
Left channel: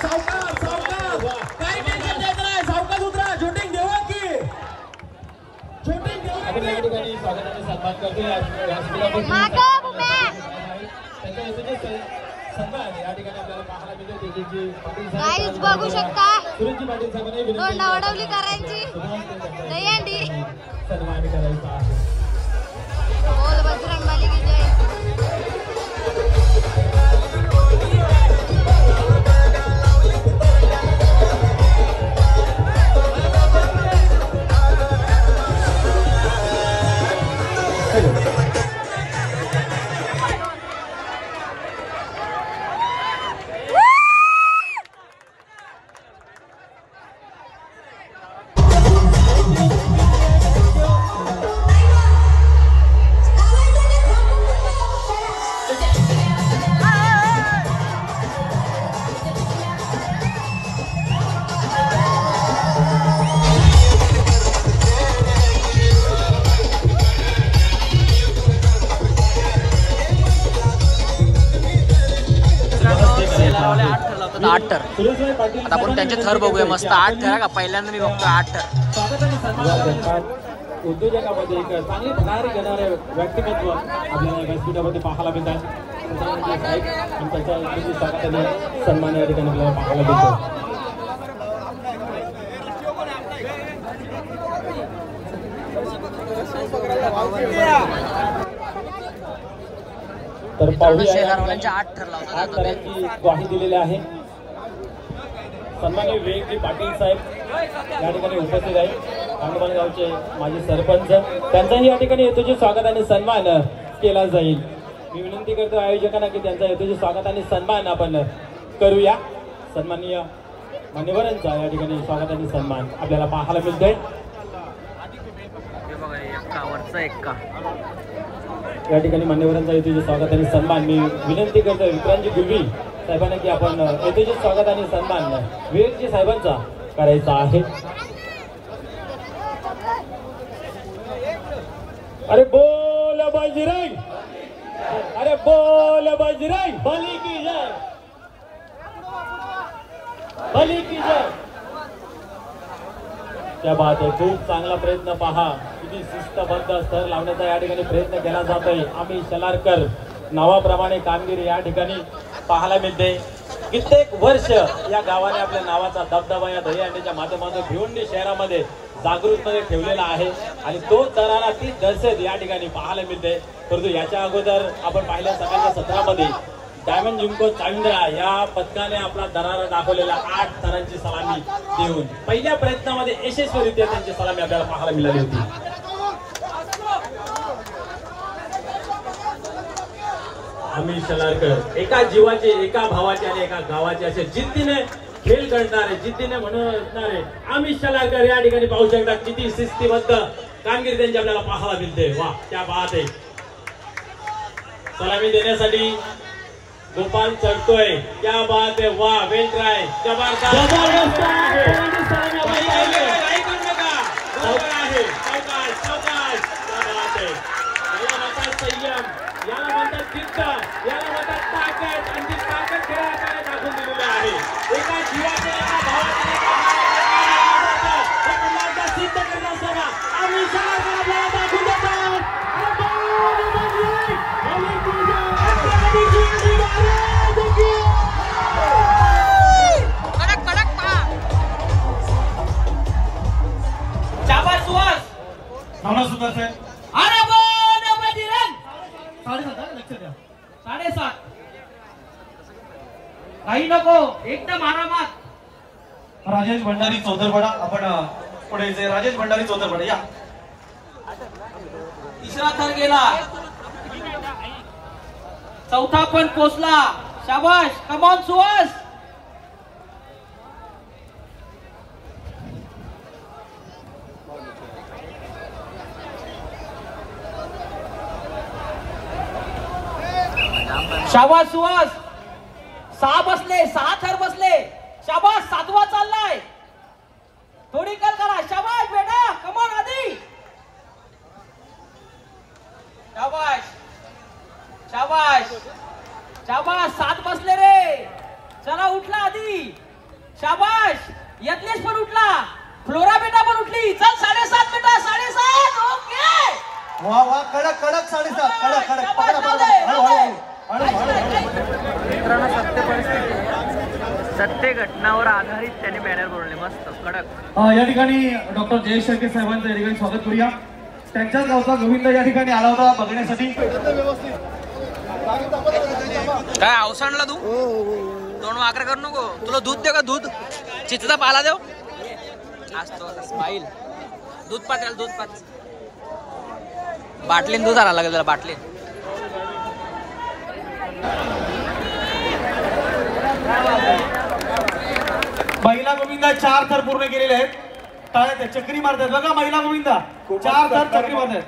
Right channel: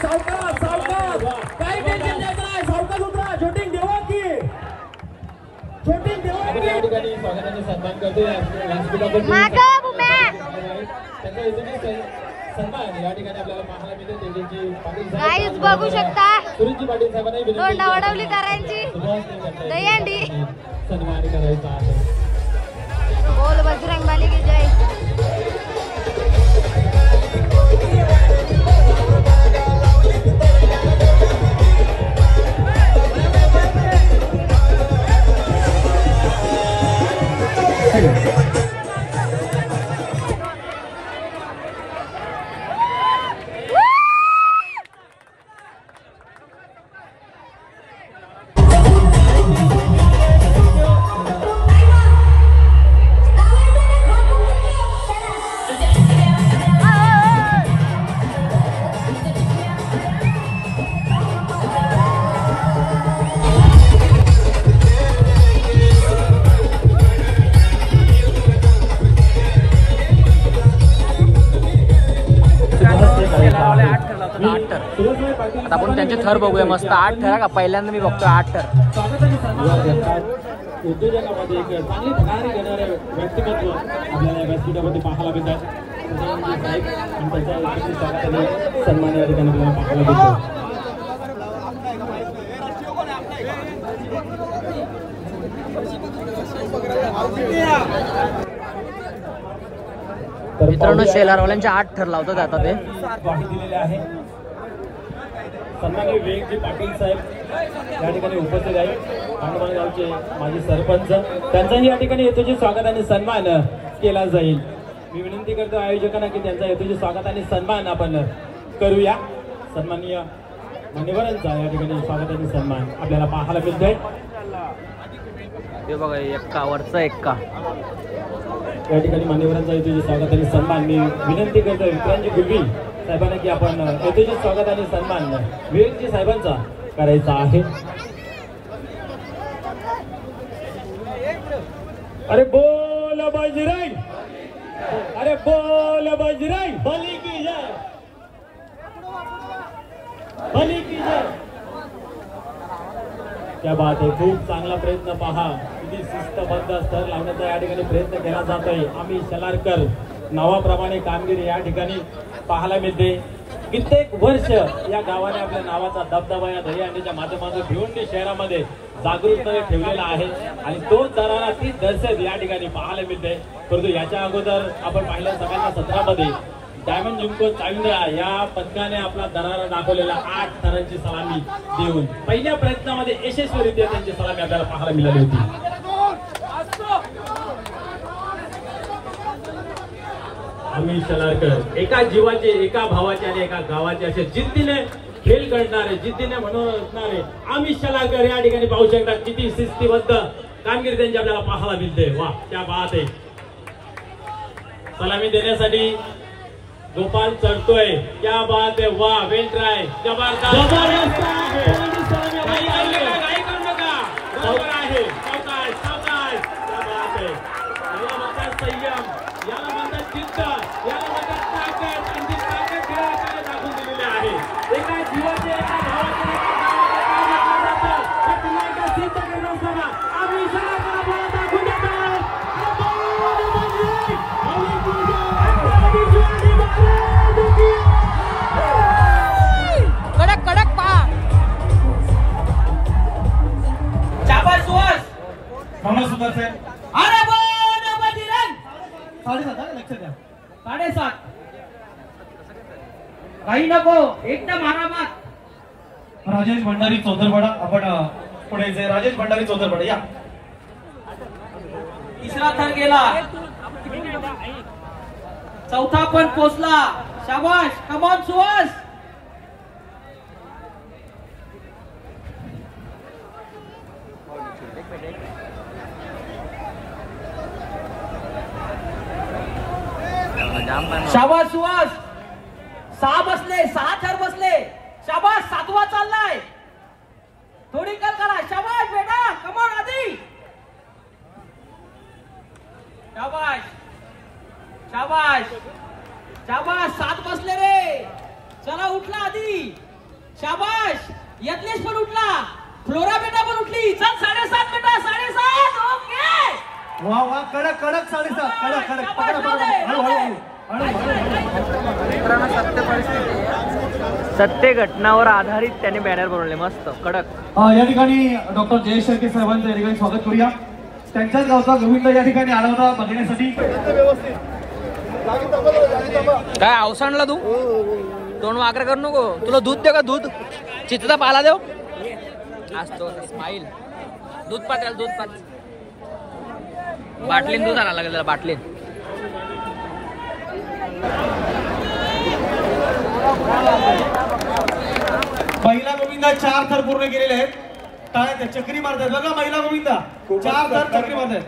सावकाश सावकाश काही टेन्शन घ्यायचं नाही. सावकाश उतरा. जोटिंग देवा की जोटिंग देवा की. गाईज बघू शकता धोंडावडवलीकरांची दहीहंडी. बोल बजरंगबली की जय. आता आपण त्यांचे थर बघूया मस्त 8 थर का पहिल्यांदा मी बघतोय 8 थर. उद्योजकामध्ये एक चांगली भरारी घेणारे व्यक्तिमत्व आपल्याला या व्यासपीठामध्ये पाहायला मिळतात. सन्मान या ठिकाणी आपल्याला पाहायला मिळतो. मित्रांनो शेलारवाल्यांचे 8 थर लावतात आता ते. ग्वाही दिलेली आहे. सन्माननीय विवेकजी पाटील साहेब या ठिकाणी उपस्थित आहेत. गावचे माजी सरपंच त्यांचाही या ठिकाणी यथोचित स्वागत आणि सन्मान केला जाईल. मी विनंती करतो आयोजकांना की त्यांचा यथोचित स्वागत आणि सन्मान आपण करूया. सन्माननीय मान्यवरांचा या ठिकाणी स्वागत आणि सन्मान आपल्याला पाहायला मिळतोय. हे बघा एक्कावरचा एक्का या ठिकाणी मान्यवरांचा यथोचित स्वागत आणि सन्मान मी विनंती करतो विक्रांतजी गुरवी साहेबांना की आपण यथोचित स्वागत आणि सन्मान विवेकजी साहेबांचा करायचा आहे. अरे बोल बजरंग, अरे बोल बजरंग बली की जय, बली की जय. त्या बात आहे. खूप चांगला प्रयत्न पहा. किती शिस्तबद्ध स्तर लावण्याचा या ठिकाणी प्रयत्न केला जात आहे. आम्ही शलारकर नावाप्रमाणे कामगिरी या ठिकाणी पाहायला मिळते. कित्येक वर्ष या गावाने आपल्या नावाचा दबदबा या दहीहंडीच्या माध्यमातून भिवंडी शहरामध्ये जागृतपणे ठेवलेला आहे आणि तो दरारा ती दर्शक या ठिकाणी पाहायला मिळते. परंतु याच्या अगोदर आपण पाहिल्या सकाळच्या सत्रामध्ये डायमंड लिंको चाविंद्रा या पथकाने आपला दरारा दाखवलेला 8 थरांची सलामी देऊन पहिल्या प्रयत्नामध्ये यशस्वीरित्या त्यांची सलामी आपल्याला पाहायला मिळाली होती. आम्ही शलारकर एका जीवाचे, एका भावाचे आणि एका गावाचे असे जिद्दीने खेळ करणारे, जिद्दीने म्हणून असणारे आम्ही शलारकर या ठिकाणी पाहू शकता. किती शिस्तीबद्ध कामगिरी त्यांची आपल्याला पाहायला मिळते. वा क्या बात आहे. सलामी देण्यासाठी गोपाल चढतोय. क्या बात आहे. वा वेल ट्राय. जबरदस्त अरे लक्ष द्या. 7.5 काही नको एकदम आरामात. राजेश भंडारी चौथरपाडा. आपण पुढे जाय. राजेश भंडारी चौथरपाडा या. तिसरा थर गेला. चौथा पण पोचला. शाबाश. कमॉन सुहास. शाबाश सुहास. 6 बसले. 6 थर बसले. शाबाश. 7वा चाललाय. थोडी कल करा. शाबाश बेटा. कमॉन आधी. शाबाश. शाबाश. शाबाश. 7 बसले रे. चला उठला आधी. शाबाश. यत्नेश पण उठला. फ्लोरा बेटा पण उठली. चल 7.5 बेटा. 7.5. ओके. वा वा. कडक कडक 7.5. कडक कडक. हळूहळू. सत्य घटनावर आधारित त्याने बॅनर बनवले मस्त कडक. या ठिकाणी डॉक्टर जयेश शेळके साहेबांचं या ठिकाणी स्वागत करूया. त्यांच्याच गावचा गोविंद या ठिकाणी आला होता बघण्यासाठी. काय अवसानला तू तोंड वाकर करू नको. तुला दूध दे का? दूध चिचचा पाला देव असतो. स्माईल. दूध पाच त्याला. दूध पाच. बाटलीन दूध आला लागेल त्याला. बाटलीन. महिला गोविंदा 4 थर पूर्ण केलेले आहेत. टाळ्या चक्री मारतात बघा. महिला गोविंदा 4 थर चक्री मारतात.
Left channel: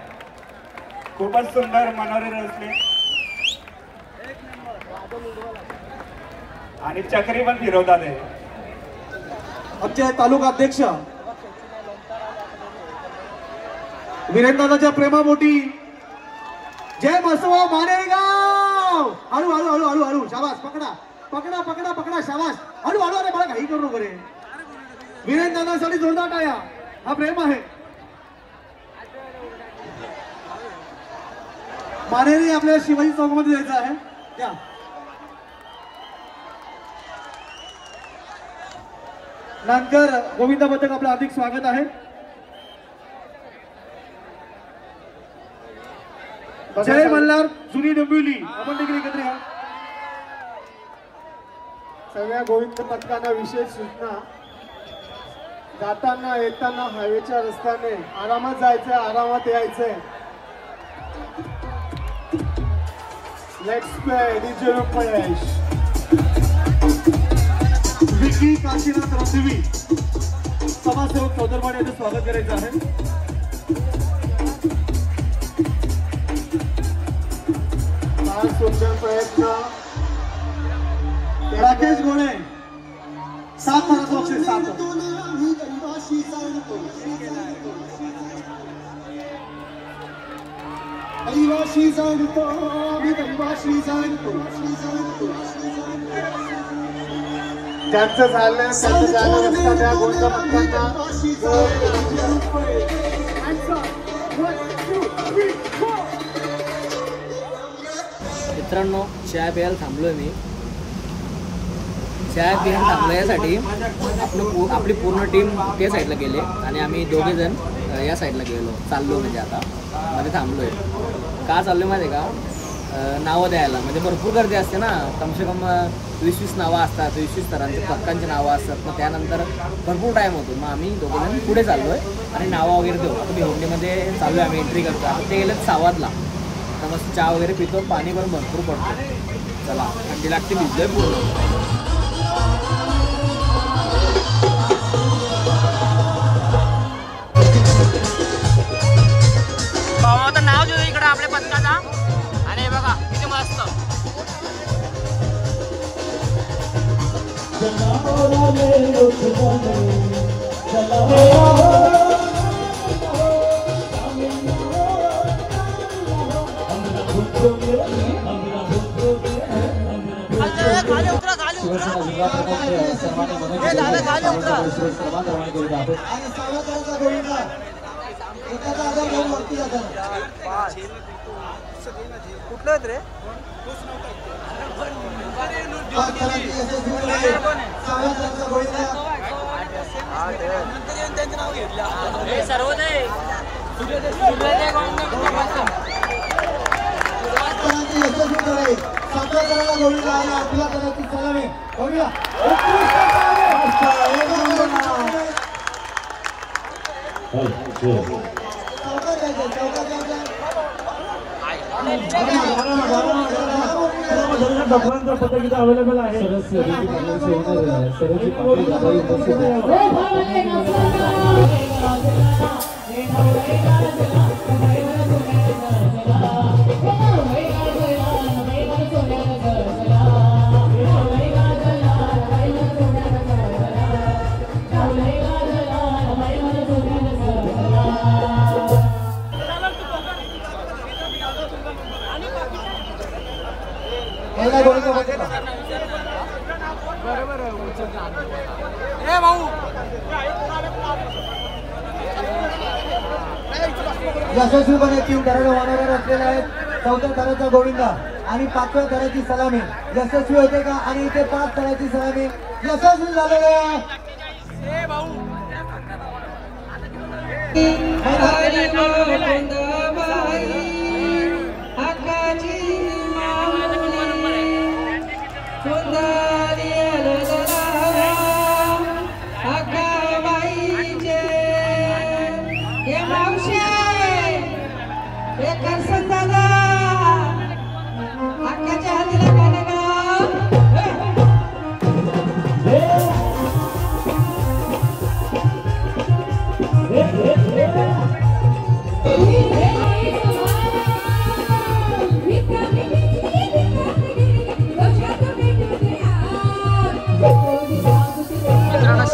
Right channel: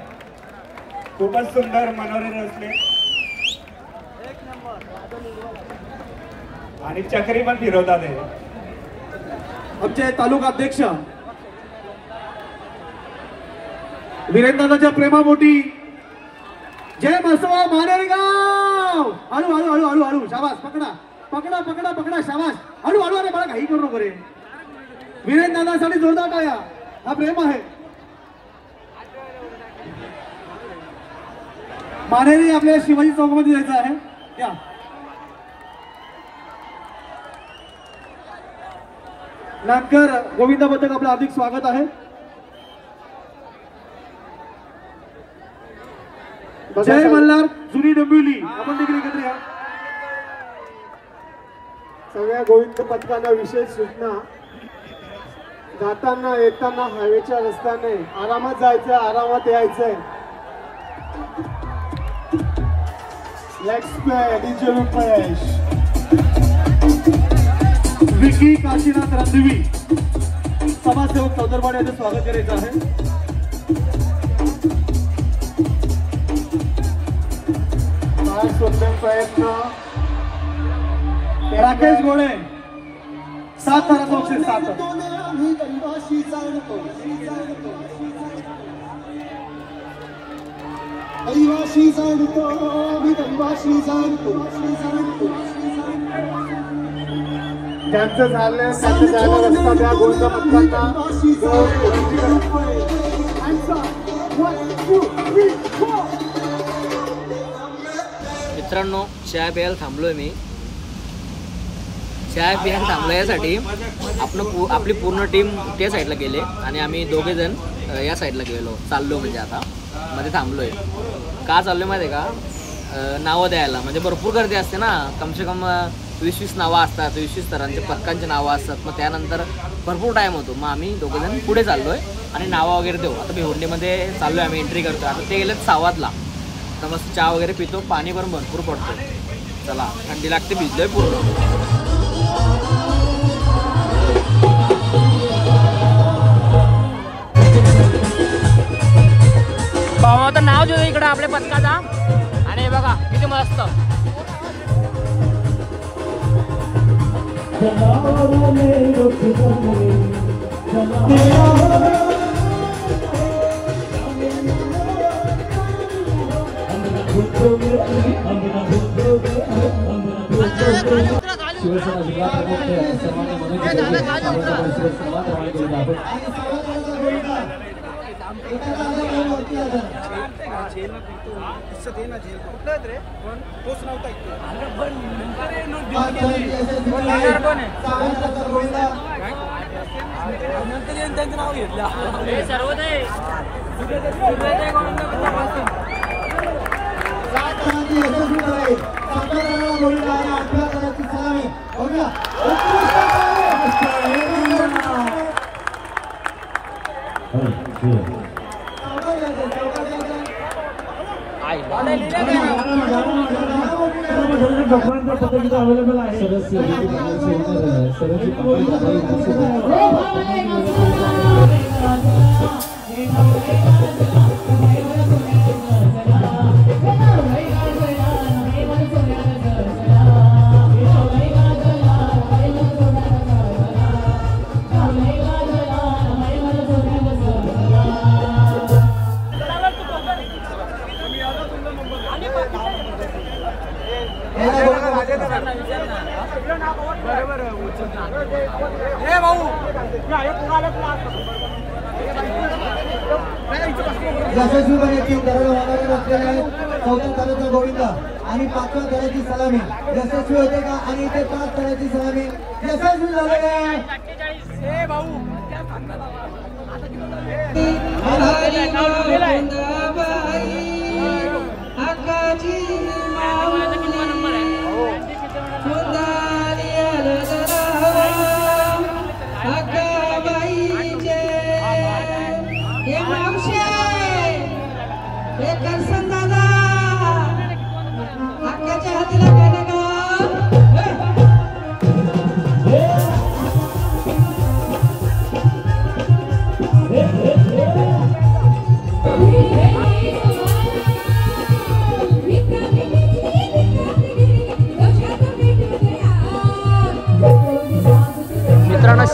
खूपच सुंदर मनोरंजन असले आणि चक्री पण फिरवतात. आमचे तालुका अध्यक्ष वीरेंद्रनाथच्या प्रेमापोटी जय बसवा मानेगाव. हळू हळू हळू हळू हळू. शाबास. पकडा पकडा पकडा पकडा. शाबास. हळू हळू अरे मला घाई करू नको रे. वीरेंद्र दादासाठी जोरदार टाळ्या. हा प्रेम आहे. मानेने आपल्याला शिवाजी चौकमध्ये जायचं आहे. या नाटकर गोविंद बद्दल आपलं हार्दिक स्वागत आहे. जय मल्हार जुनी डोंबिवली आपण देखील एकत्र या. सगळ्या गोविंद पथकांना विशेष सूचना. जाताना येताना हायवेच्या रस्त्याने आरामात जायचं, आरामात यायचंय. Let's play DJ Rupesh. Vicky Kashinath Randivi समाजसेवक चौदरवाड यांचं स्वागत करायचं आहे. फार सुंदर प्रयत्न. राकेश गोळे 7 ताराचा अक्षर 7. आदिवासी जाणतो आदिवासी जाणतो. ज्यांचं झालं त्यांचं झालं रस्ता त्या गोविंद पथकांना. मित्रांनो चहा प्यायला थांबलोय मी. चहा प्यायला थांबलो यासाठी आपली पूर्ण टीम त्या साईडला गेले आणि आम्ही दोघे जण या साईडला गेलो. चाललो म्हणजे आता मध्ये थांबलोय. का चाललोय माहिती आहे का? नावं द्यायला. म्हणजे भरपूर गर्दी असते ना. कमसे कम 20-20 नावं असतात. 20-20 तरांचे पथकांची नावं असतात. मग त्यानंतर भरपूर टाईम होतो. मग आम्ही दोघे जण पुढे चाललोय आणि नावं वगैरे देऊ. आता भिवंडीमध्ये चाललोय आम्ही. एंट्री करतो. आता ते गेलेत 6 वाजला. तर मस्त चहा वगैरे पितो. पाणी पण भरपूर पडतो. चला थंडी लागते. भिजलोय पूर्ण. भावाचं नाव देतो इकडं आपल्या पथकाचा. आणि बघा किती मस्त. अवेलेबल आहे. यशस्वीपणे टीम करायला वाढवत असलेले आहेत. 4थ्या ताराचा गोविंद आणि 5व्या ताराची सलामी यशस्वी होते का? आणि इथे 5 ताराची सलामी यशस्वी झालेले आहे.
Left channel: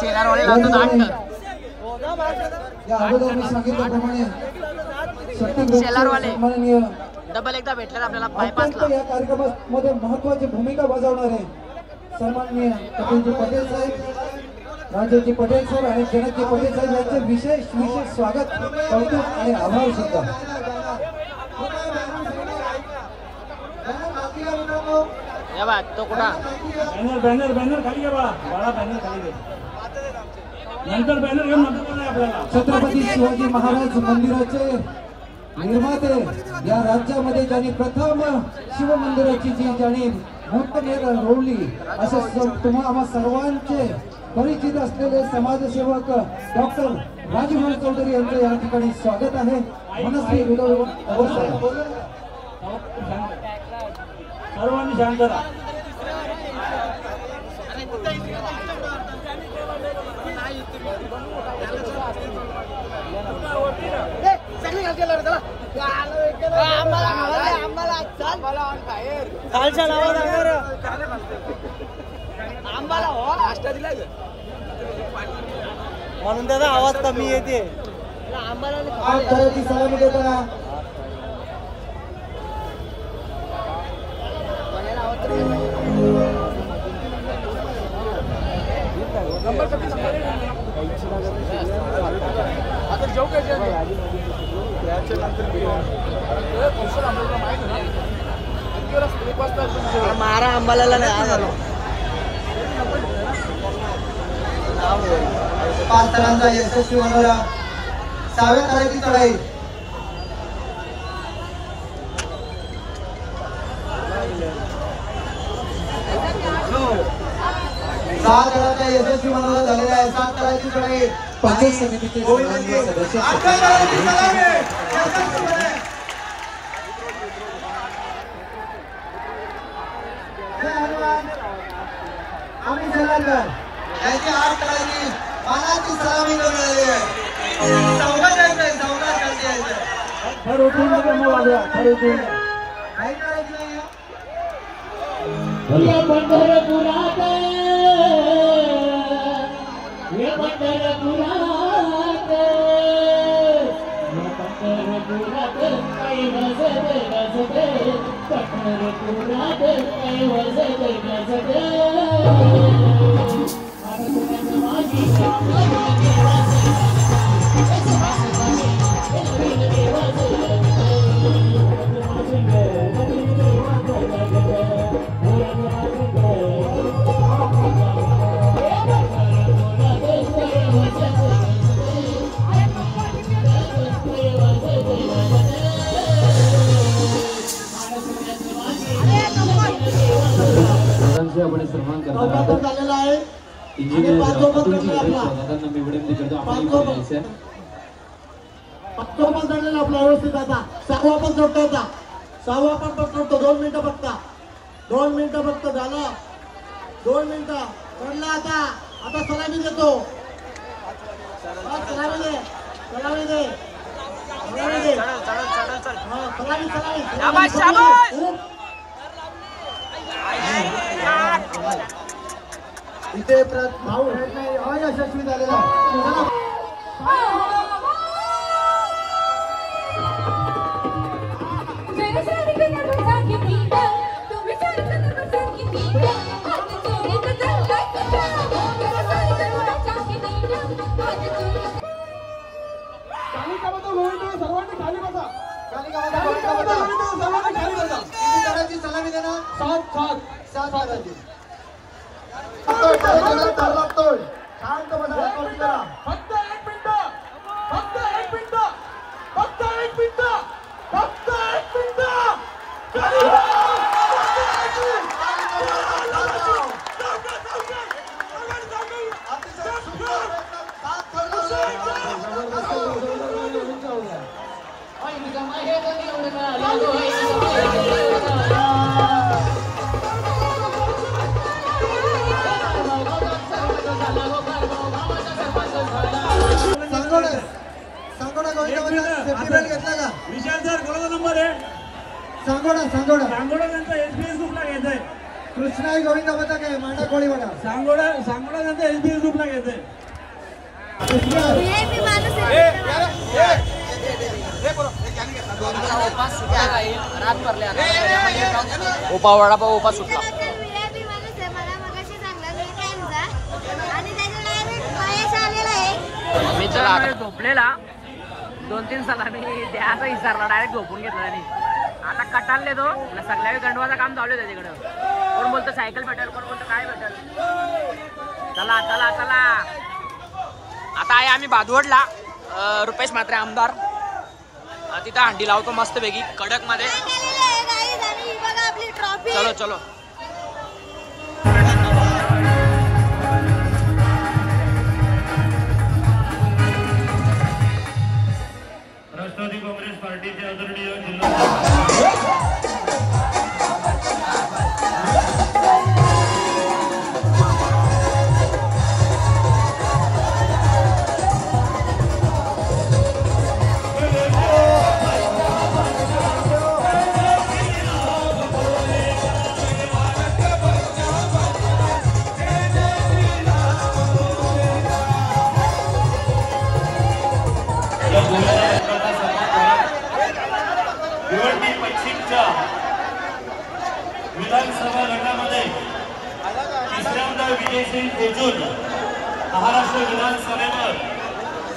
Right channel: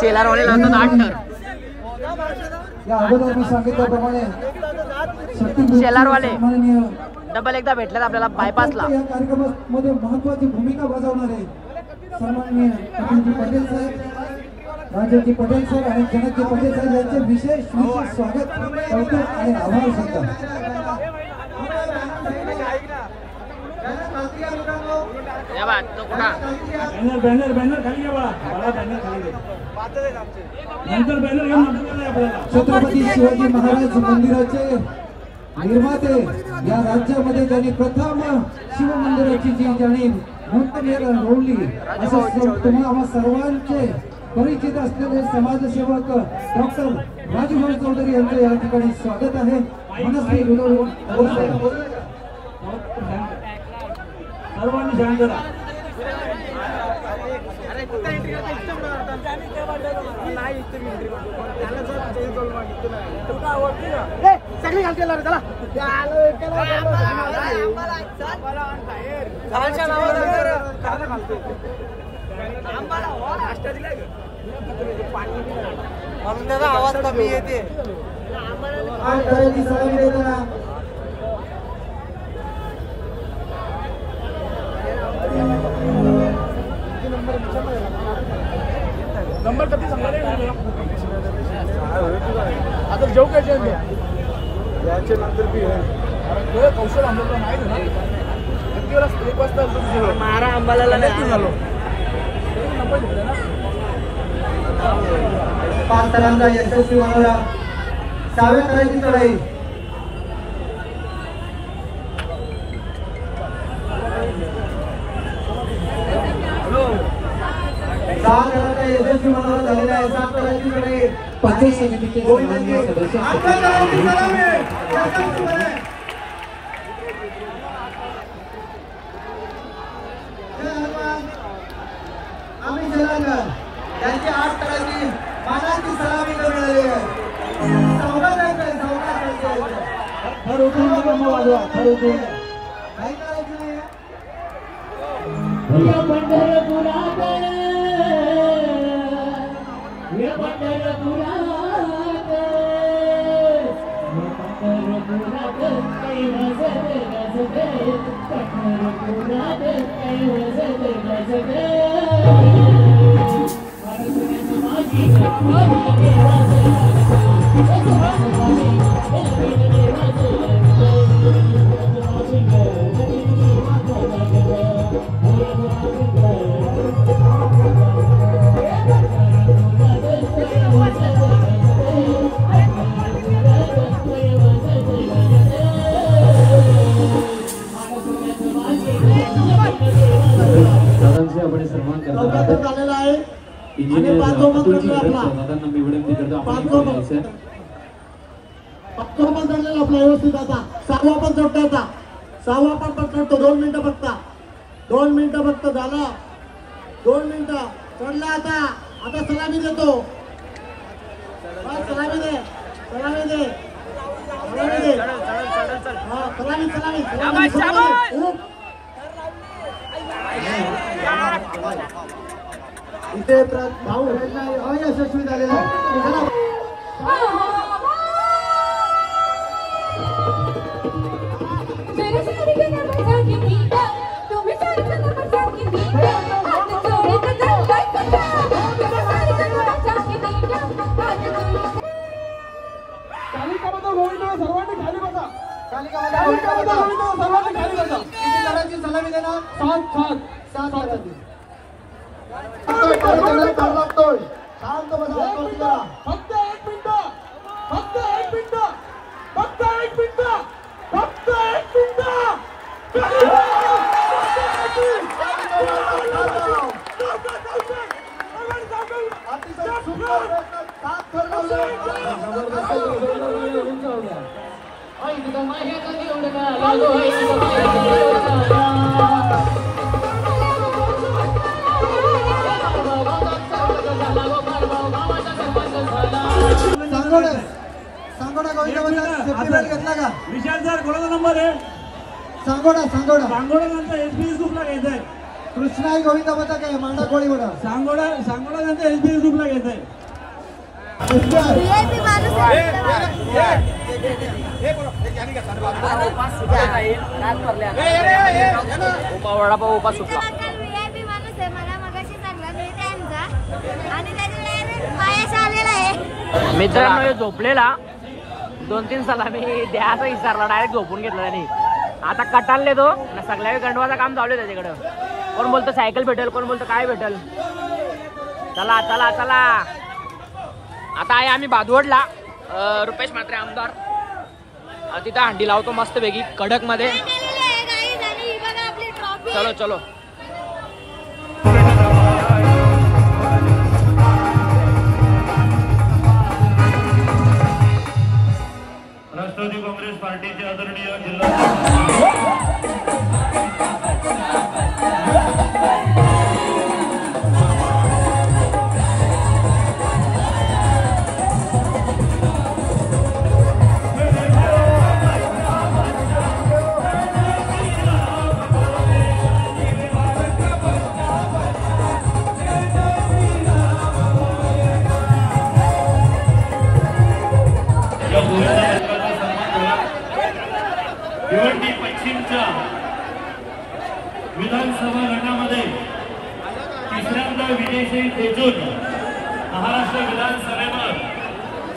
शेलारवाले लावतात 8 टन. शेलारवाले डबल एकदा भेटल्यात आपल्याला बायपासला. या कार्यक्रमामध्ये महत्त्वाची भूमिका बजावणार आहे. सन्माननीय कपिलजी पटेल साहेब, राजेशजी पटेल सर आणि जनकजी पटेल साहेब यांचे विशेष स्वागत, कौतुक आणि आभार सुद्धा. छत्रपती शिवाजी महाराज मंदिराचे निर्माते, या राज्यामध्ये त्यांनी प्रथम शिवमंदिराची जी ज्यांनी मूर्तमेढ रोवली, असं तुम्हा सर्वांचे परिचित असलेले समाजसेवक डॉक्टर राजभाई चौधरी यांचे या ठिकाणी स्वागत आहे. मनस्वी सर्वांनी शांत करा. म्हणून त्याचा आवाज कमी येते. सलामी देताना पाच तरांचा यशस्वी मनोरा, 6व्या तराची चढाई. सात तरांचा यशस्वी मनोरा झालेला आहे. 7 तराची चढाई. आम्ही जलालकर यांची 8 तराची मानाची सलामी मिळाली आहे. सावकाश यायचंय, सावकाश खालती यायचंय. काय करायचं नाही. आपला व्यवस्थित आता 6वा पण जोडतो होता. 6वा पण पकडतो. 2 मिनिटं फक्त. 2 मिनिटं फक्त झाला. 2 मिनिटं चढला. आता सलामी देतो. सलामी दे. सलामी दे. इथे भाऊ अयशस्वी झालेला आहे. सलामी देणार. 7 शांत बसा. फक्त 1 मिनिट. फक्त 1 मिनिट. फक्त 1 मिनिट. फक्त 1 मिनिट. सांगोडा एसबीएस ग्रुपला घ्यायचंय. कृष्णा गोविंदा पता काय मांडा कोळी बघा. सांगोडा नंतर एसबीएस ग्रुपला घ्यायचंय. उपास सुटला. मला मगाशी मित्रांनो झोपलेला 2-3 साला मी द्यायचा विसरला, डायरेक्ट झोपून घेतला त्यांनी. आता कटालले तो सगळ्या गंडवाचं काम चालू आहे त्याच्याकडं. कोण बोलतो सायकल भेटेल, कोण बोलतो काय भेटेल. चला चला चला आता आहे आम्ही बादवडला. रुपेश म्हात्रे आमदार तिथं हंडी लावतो मस्त पैकी कडक मध्ये. चलो चलो राष्ट्रवादी काँग्रेस पार्टीचे आदरणीय जिल्हा पश्चिमच्या विधानसभा गटामध्ये तिसऱ्यांदा विजयश्री पोचून महाराष्ट्र विधानसभेवर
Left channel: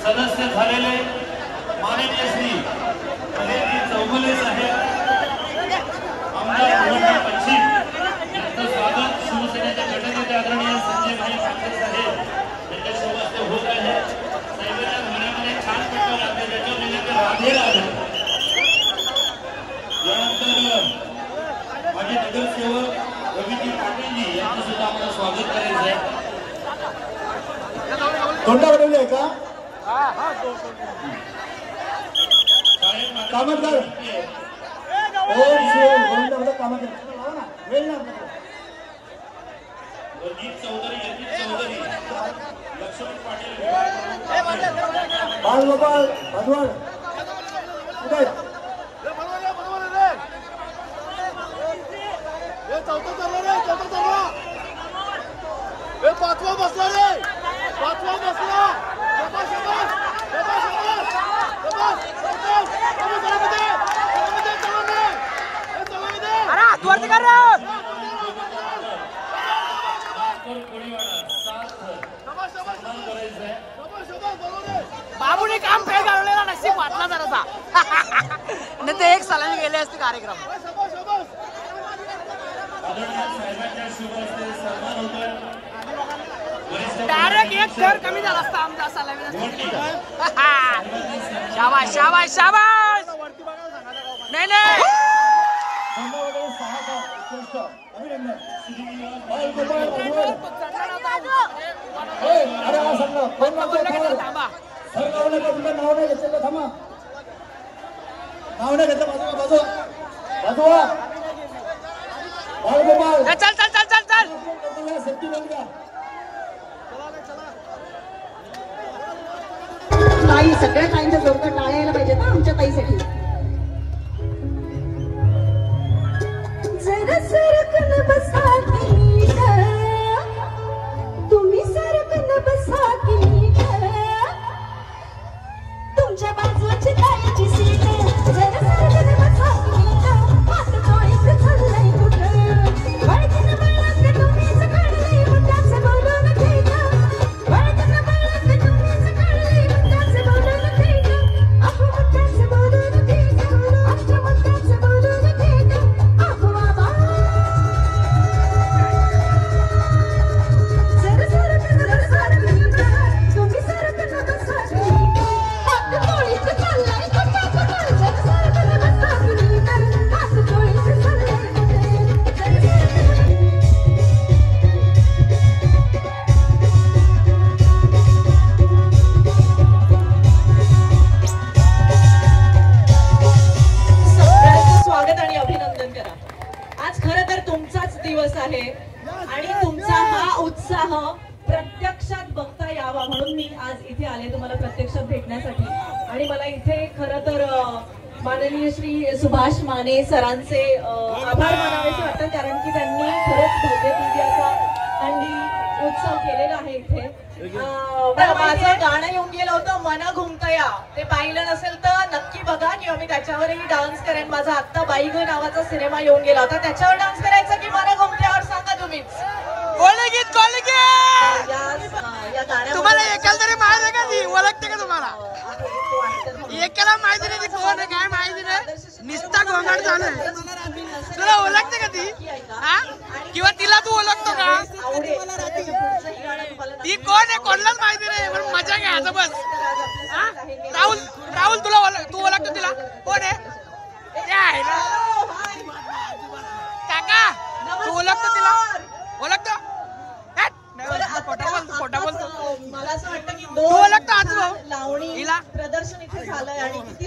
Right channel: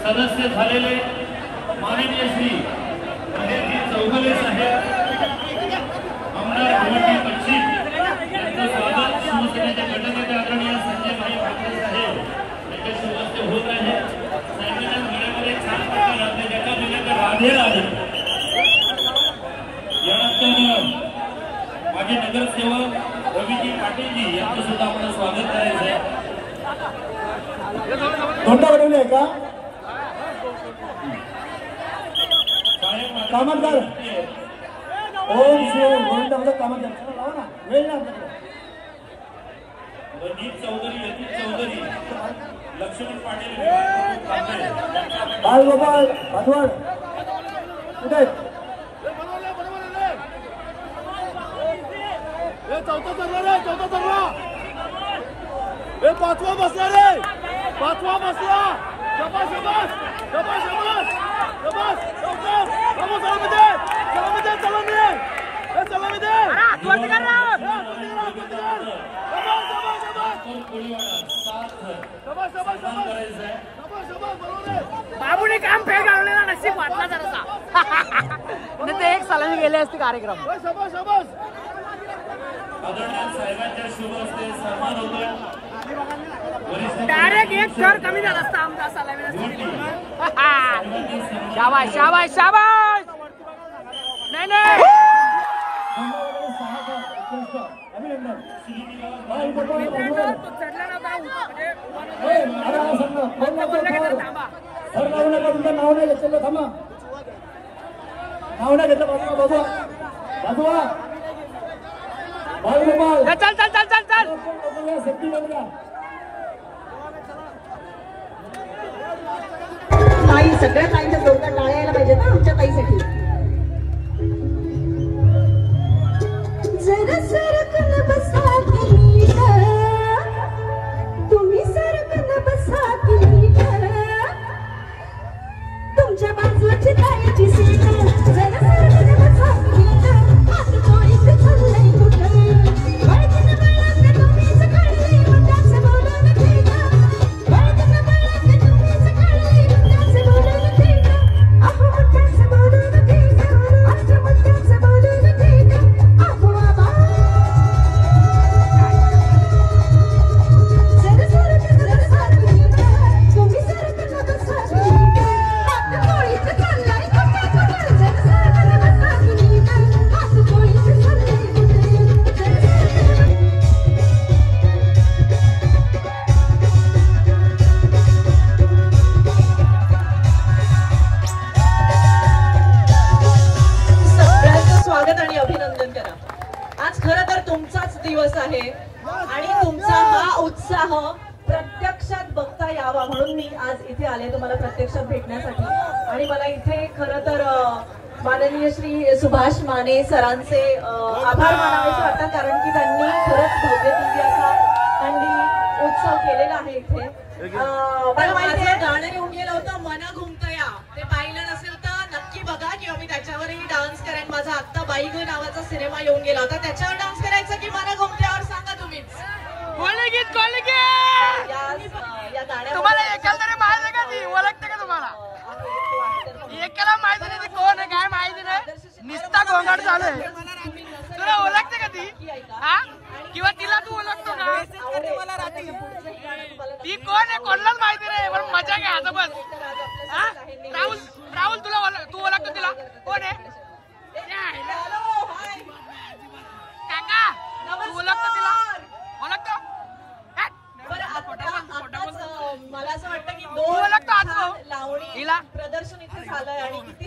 सदस्य झालेले माननीय श्री चौगुले साहेब आमदार पश्चिम यांचं स्वागत शिवसेनेचे गटनेते आदरणीय संजय पाटील साहेब यांच्या हस्ते होत आहे. साहेबांच्या घरामध्ये छान प्रकार आपल्या ज्याच्या जिल्ह्यात राधेर आले. माझे नगरसेवक रवीजी पाटीलजी यांचं सुद्धा आपलं स्वागत करायचं आहे. कोणता बनवले का कामतदार रणजित चौधरी, यतीश चौधरी, लक्ष्मण पाटील, बालगोपाल भागवड कुठे पाचवा बसला रे, पाचवा बसला. बाबूने काम फेल घालवलेला नशीब वाटला जरासा. नाही ते एक सलामी गेले असते कार्यक्रम. डायरेक्ट एक थर कमी झाला असता आमचा सलामीला. शाबाश शाबाश शाबाश. नाही नाही चल चल चल चल चल. ताई सगळ्या ताईंच्या लोक टाळ्या यायला पाहिजेत ना आमच्या ताईसाठी. जरा सरकन बसा की नीट, तुम्ही सरकन बसा की नीट, तुमच्या बाजूची ताईची सीट. जरा सरकन बसा की नीट, हात चोळीत चाललंय कुठं, वळकीन वळक तुम्हीच काढली मुद्दाच बोलून ठीक, वळकीन वळक तुम्हीच काढली मुद्दाच बोलून ठीक, अहो मुद्दाच बोलून ठीक, आमच्या मुद्दाच बोलून ठीक, अहो बाबा. जरा सरकन बसा की नीट, तुम्ही सरकन बसा की नीट, हात चोळीत चाललंय कुठं, जरा सरकन बसा की नीट, हात चोळीत चाललंय सगळ्यांचं स्वागत आणि अभिनंदन करा. आज खरं तर तुमचाच दिवस आहे आणि तुमचा हा उत्साह प्रत्यक्षात बघता यावा म्हणून मी आज इथे आले तुम्हाला प्रत्यक्षात भेटण्यासाठी. आणि मला इथे खरं तर माननीय श्री सुभाष माने सरांचे आभार मानावेसे वाटतात, कारण की त्यांनी खरंच भव्यदिव्य असा हंडी उत्सव केलेला आहे इथे. मला माझं गाणं येऊन गेलं होतं मन घुमतया, ते पाहिलं नसेल तर नक्की बघा किंवा मी त्याच्यावरही डान्स करेन. माझा आत्ता बाई ग नावाचा सिनेमा येऊन गेला होता, त्याच्यावर डान्स करायचा की मन घुमतयावर सांगा तुम्हीच. तुम्हाला एकाल तरी माहिती आहे का ती ओळखते का तुम्हाला? एकाला माहिती नाही ती कोण आहे काय माहिती नाही, निस्ता गोंगाट चालू आहे. तुला ओळखते का ती? हा किंवा तिला तू ओळखतो का? ती कोण आहे कोणालाच माहिती नाही, पण मजा घ्यायचं बस. राहुल राहुल तू ओळखतो तिला? कोण आहे काका? तू ओळखतो तिला? ओळखतो? खोटा बोलतो. तू ओळखतो आज भाऊ हिला?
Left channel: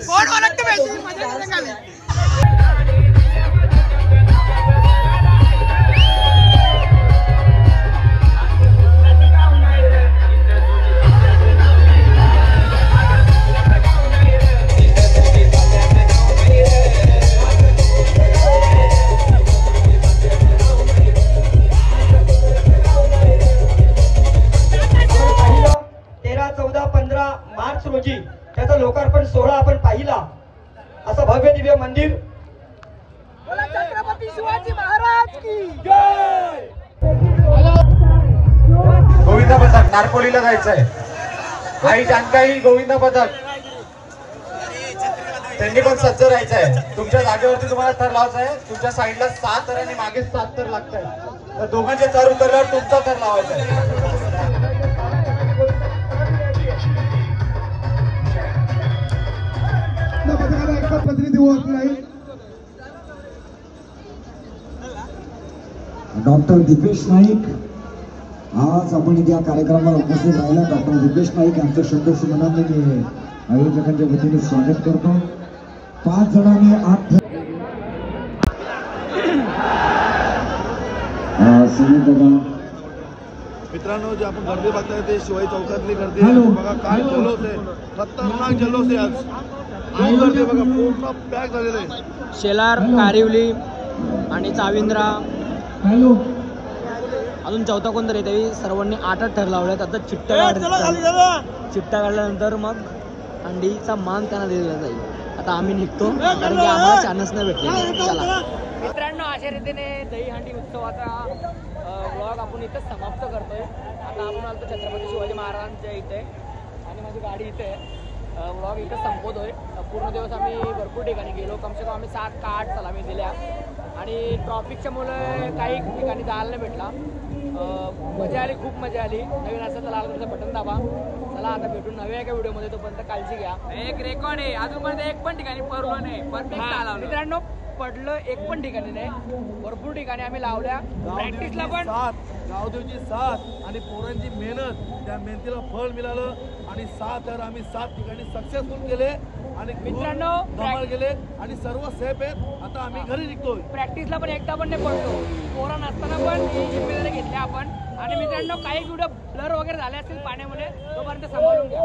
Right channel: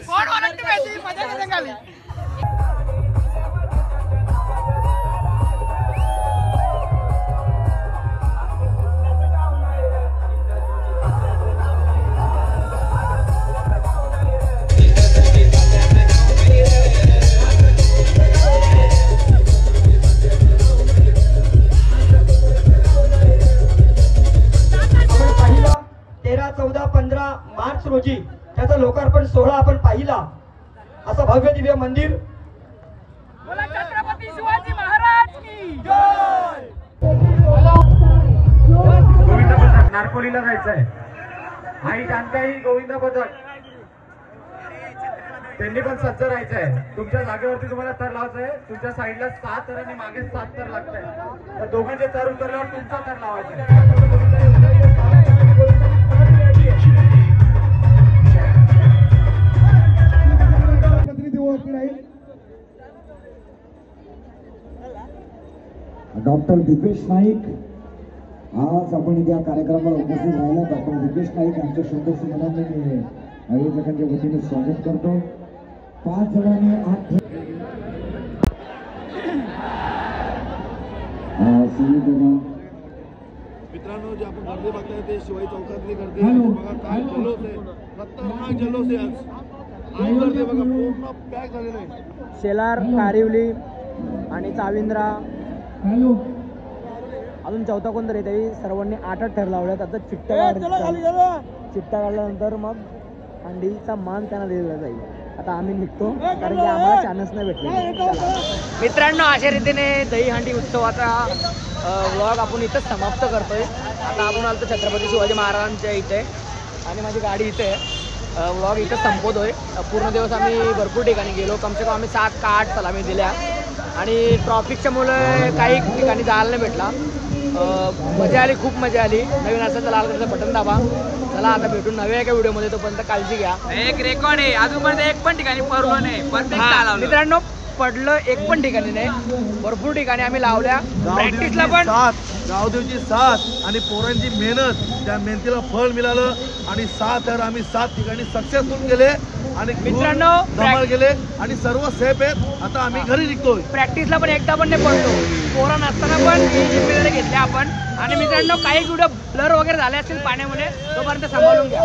कोण ओळखतो माहिती खाली? रोजी त्याचा लोकार्पण सोहळा आपण पाहिला. असं भव्य दिव्य मंदिर. छत्रपती शिवाजी महाराज की जय. गोविंदा पथक नारपोलीला जायचंय. आई जानकाई गोविंदा पथक त्यांनी पण सज्ज राहायचंय. तुमच्या जागेवरती तुम्हाला थर लावायचा आहे. तुमच्या साईडला 7 थर आणि मागे 7 थर लागतंय. तर दोघांचे थर उतरल्यावर तुमचा थर लावायचा आहे. डॉक्टर दीपेश नाईक आज आपण या कार्यक्रमाला उपस्थित राहिला. डॉक्टर दीपेश नाईक यांचं शब्दशी मनाने मी आयोजकांच्या वतीने स्वागत करतो. 5 जणांनी 8 मित्रांनो, जे आपण गर्दी बघताय ते शिवाई चौकातली गर्दी आहे. बघा काय जल्लोष आहे, खतरनाक जल्लोष आहे. आज खूप गर्दी बघा, पूर्ण पॅक झालेलं आहे. शेलार, कारिवली आणि चाविंद्रा अजून चौथा कोणतरी त्यावेळी सर्वांनी 8 थर लावल्यात. आता चिट्टा काढल्यानंतर मग अंडीचा मान त्यांना दिला जाईल. आता आम्ही निघतो कारण की आम्हाला चान्स नाही भेटले. चला मित्रांनो, अशा रीतीने दहीहंडी उत्सवाचा व्लॉग आपण इथंच समाप्त करतोय. आता आपण आलो छत्रपती शिवाजी महाराजांच्या इथे आणि माझी गाडी इथे. व्लॉग इथं संपवतोय. पूर्ण दिवस आम्ही भरपूर ठिकाणी गेलो. कमसे कम आम्ही 7 का 8 सलामी दिल्या आणि ट्रॉफिकच्या मुळे काही ठिकाणी जायला नाही भेटला. मजा आली, खूप मजा आली. नवीन असेल लाल कलरचं बटन दाबा. चला आता भेटून नव्या एका व्हिडिओमध्ये. तोपर्यंत काळजी घ्या. एक रेकॉर्ड आहे अजूनपर्यंत एक पण ठिकाणी पडलो नाही. परफेक्ट मित्रांनो, पडलं एक पण ठिकाणी नाही, भरपूर ठिकाणी आम्ही लावल्या. प्रॅक्टिसला पण गावदेवची साथ आणि पोरांची मेहनत, त्या मेहनतीला फळ मिळालं आणि 7 थर आम्ही 7 ठिकाणी सक्सेसफुल केले आणि मित्रांनो धमाल केले आणि सर्व सेफ आहेत. आता आम्ही घरी निघतोय. प्रॅक्टिसला पण एकदा पण नाही पडलो. पोरा नसताना पण जिम्मेदारी घेतली आपण. आणि मित्रांनो, काही व्हिडिओ ब्लर वगैरे झाले असतील पाण्यामध्ये, तोपर्यंत सांभाळून घ्या.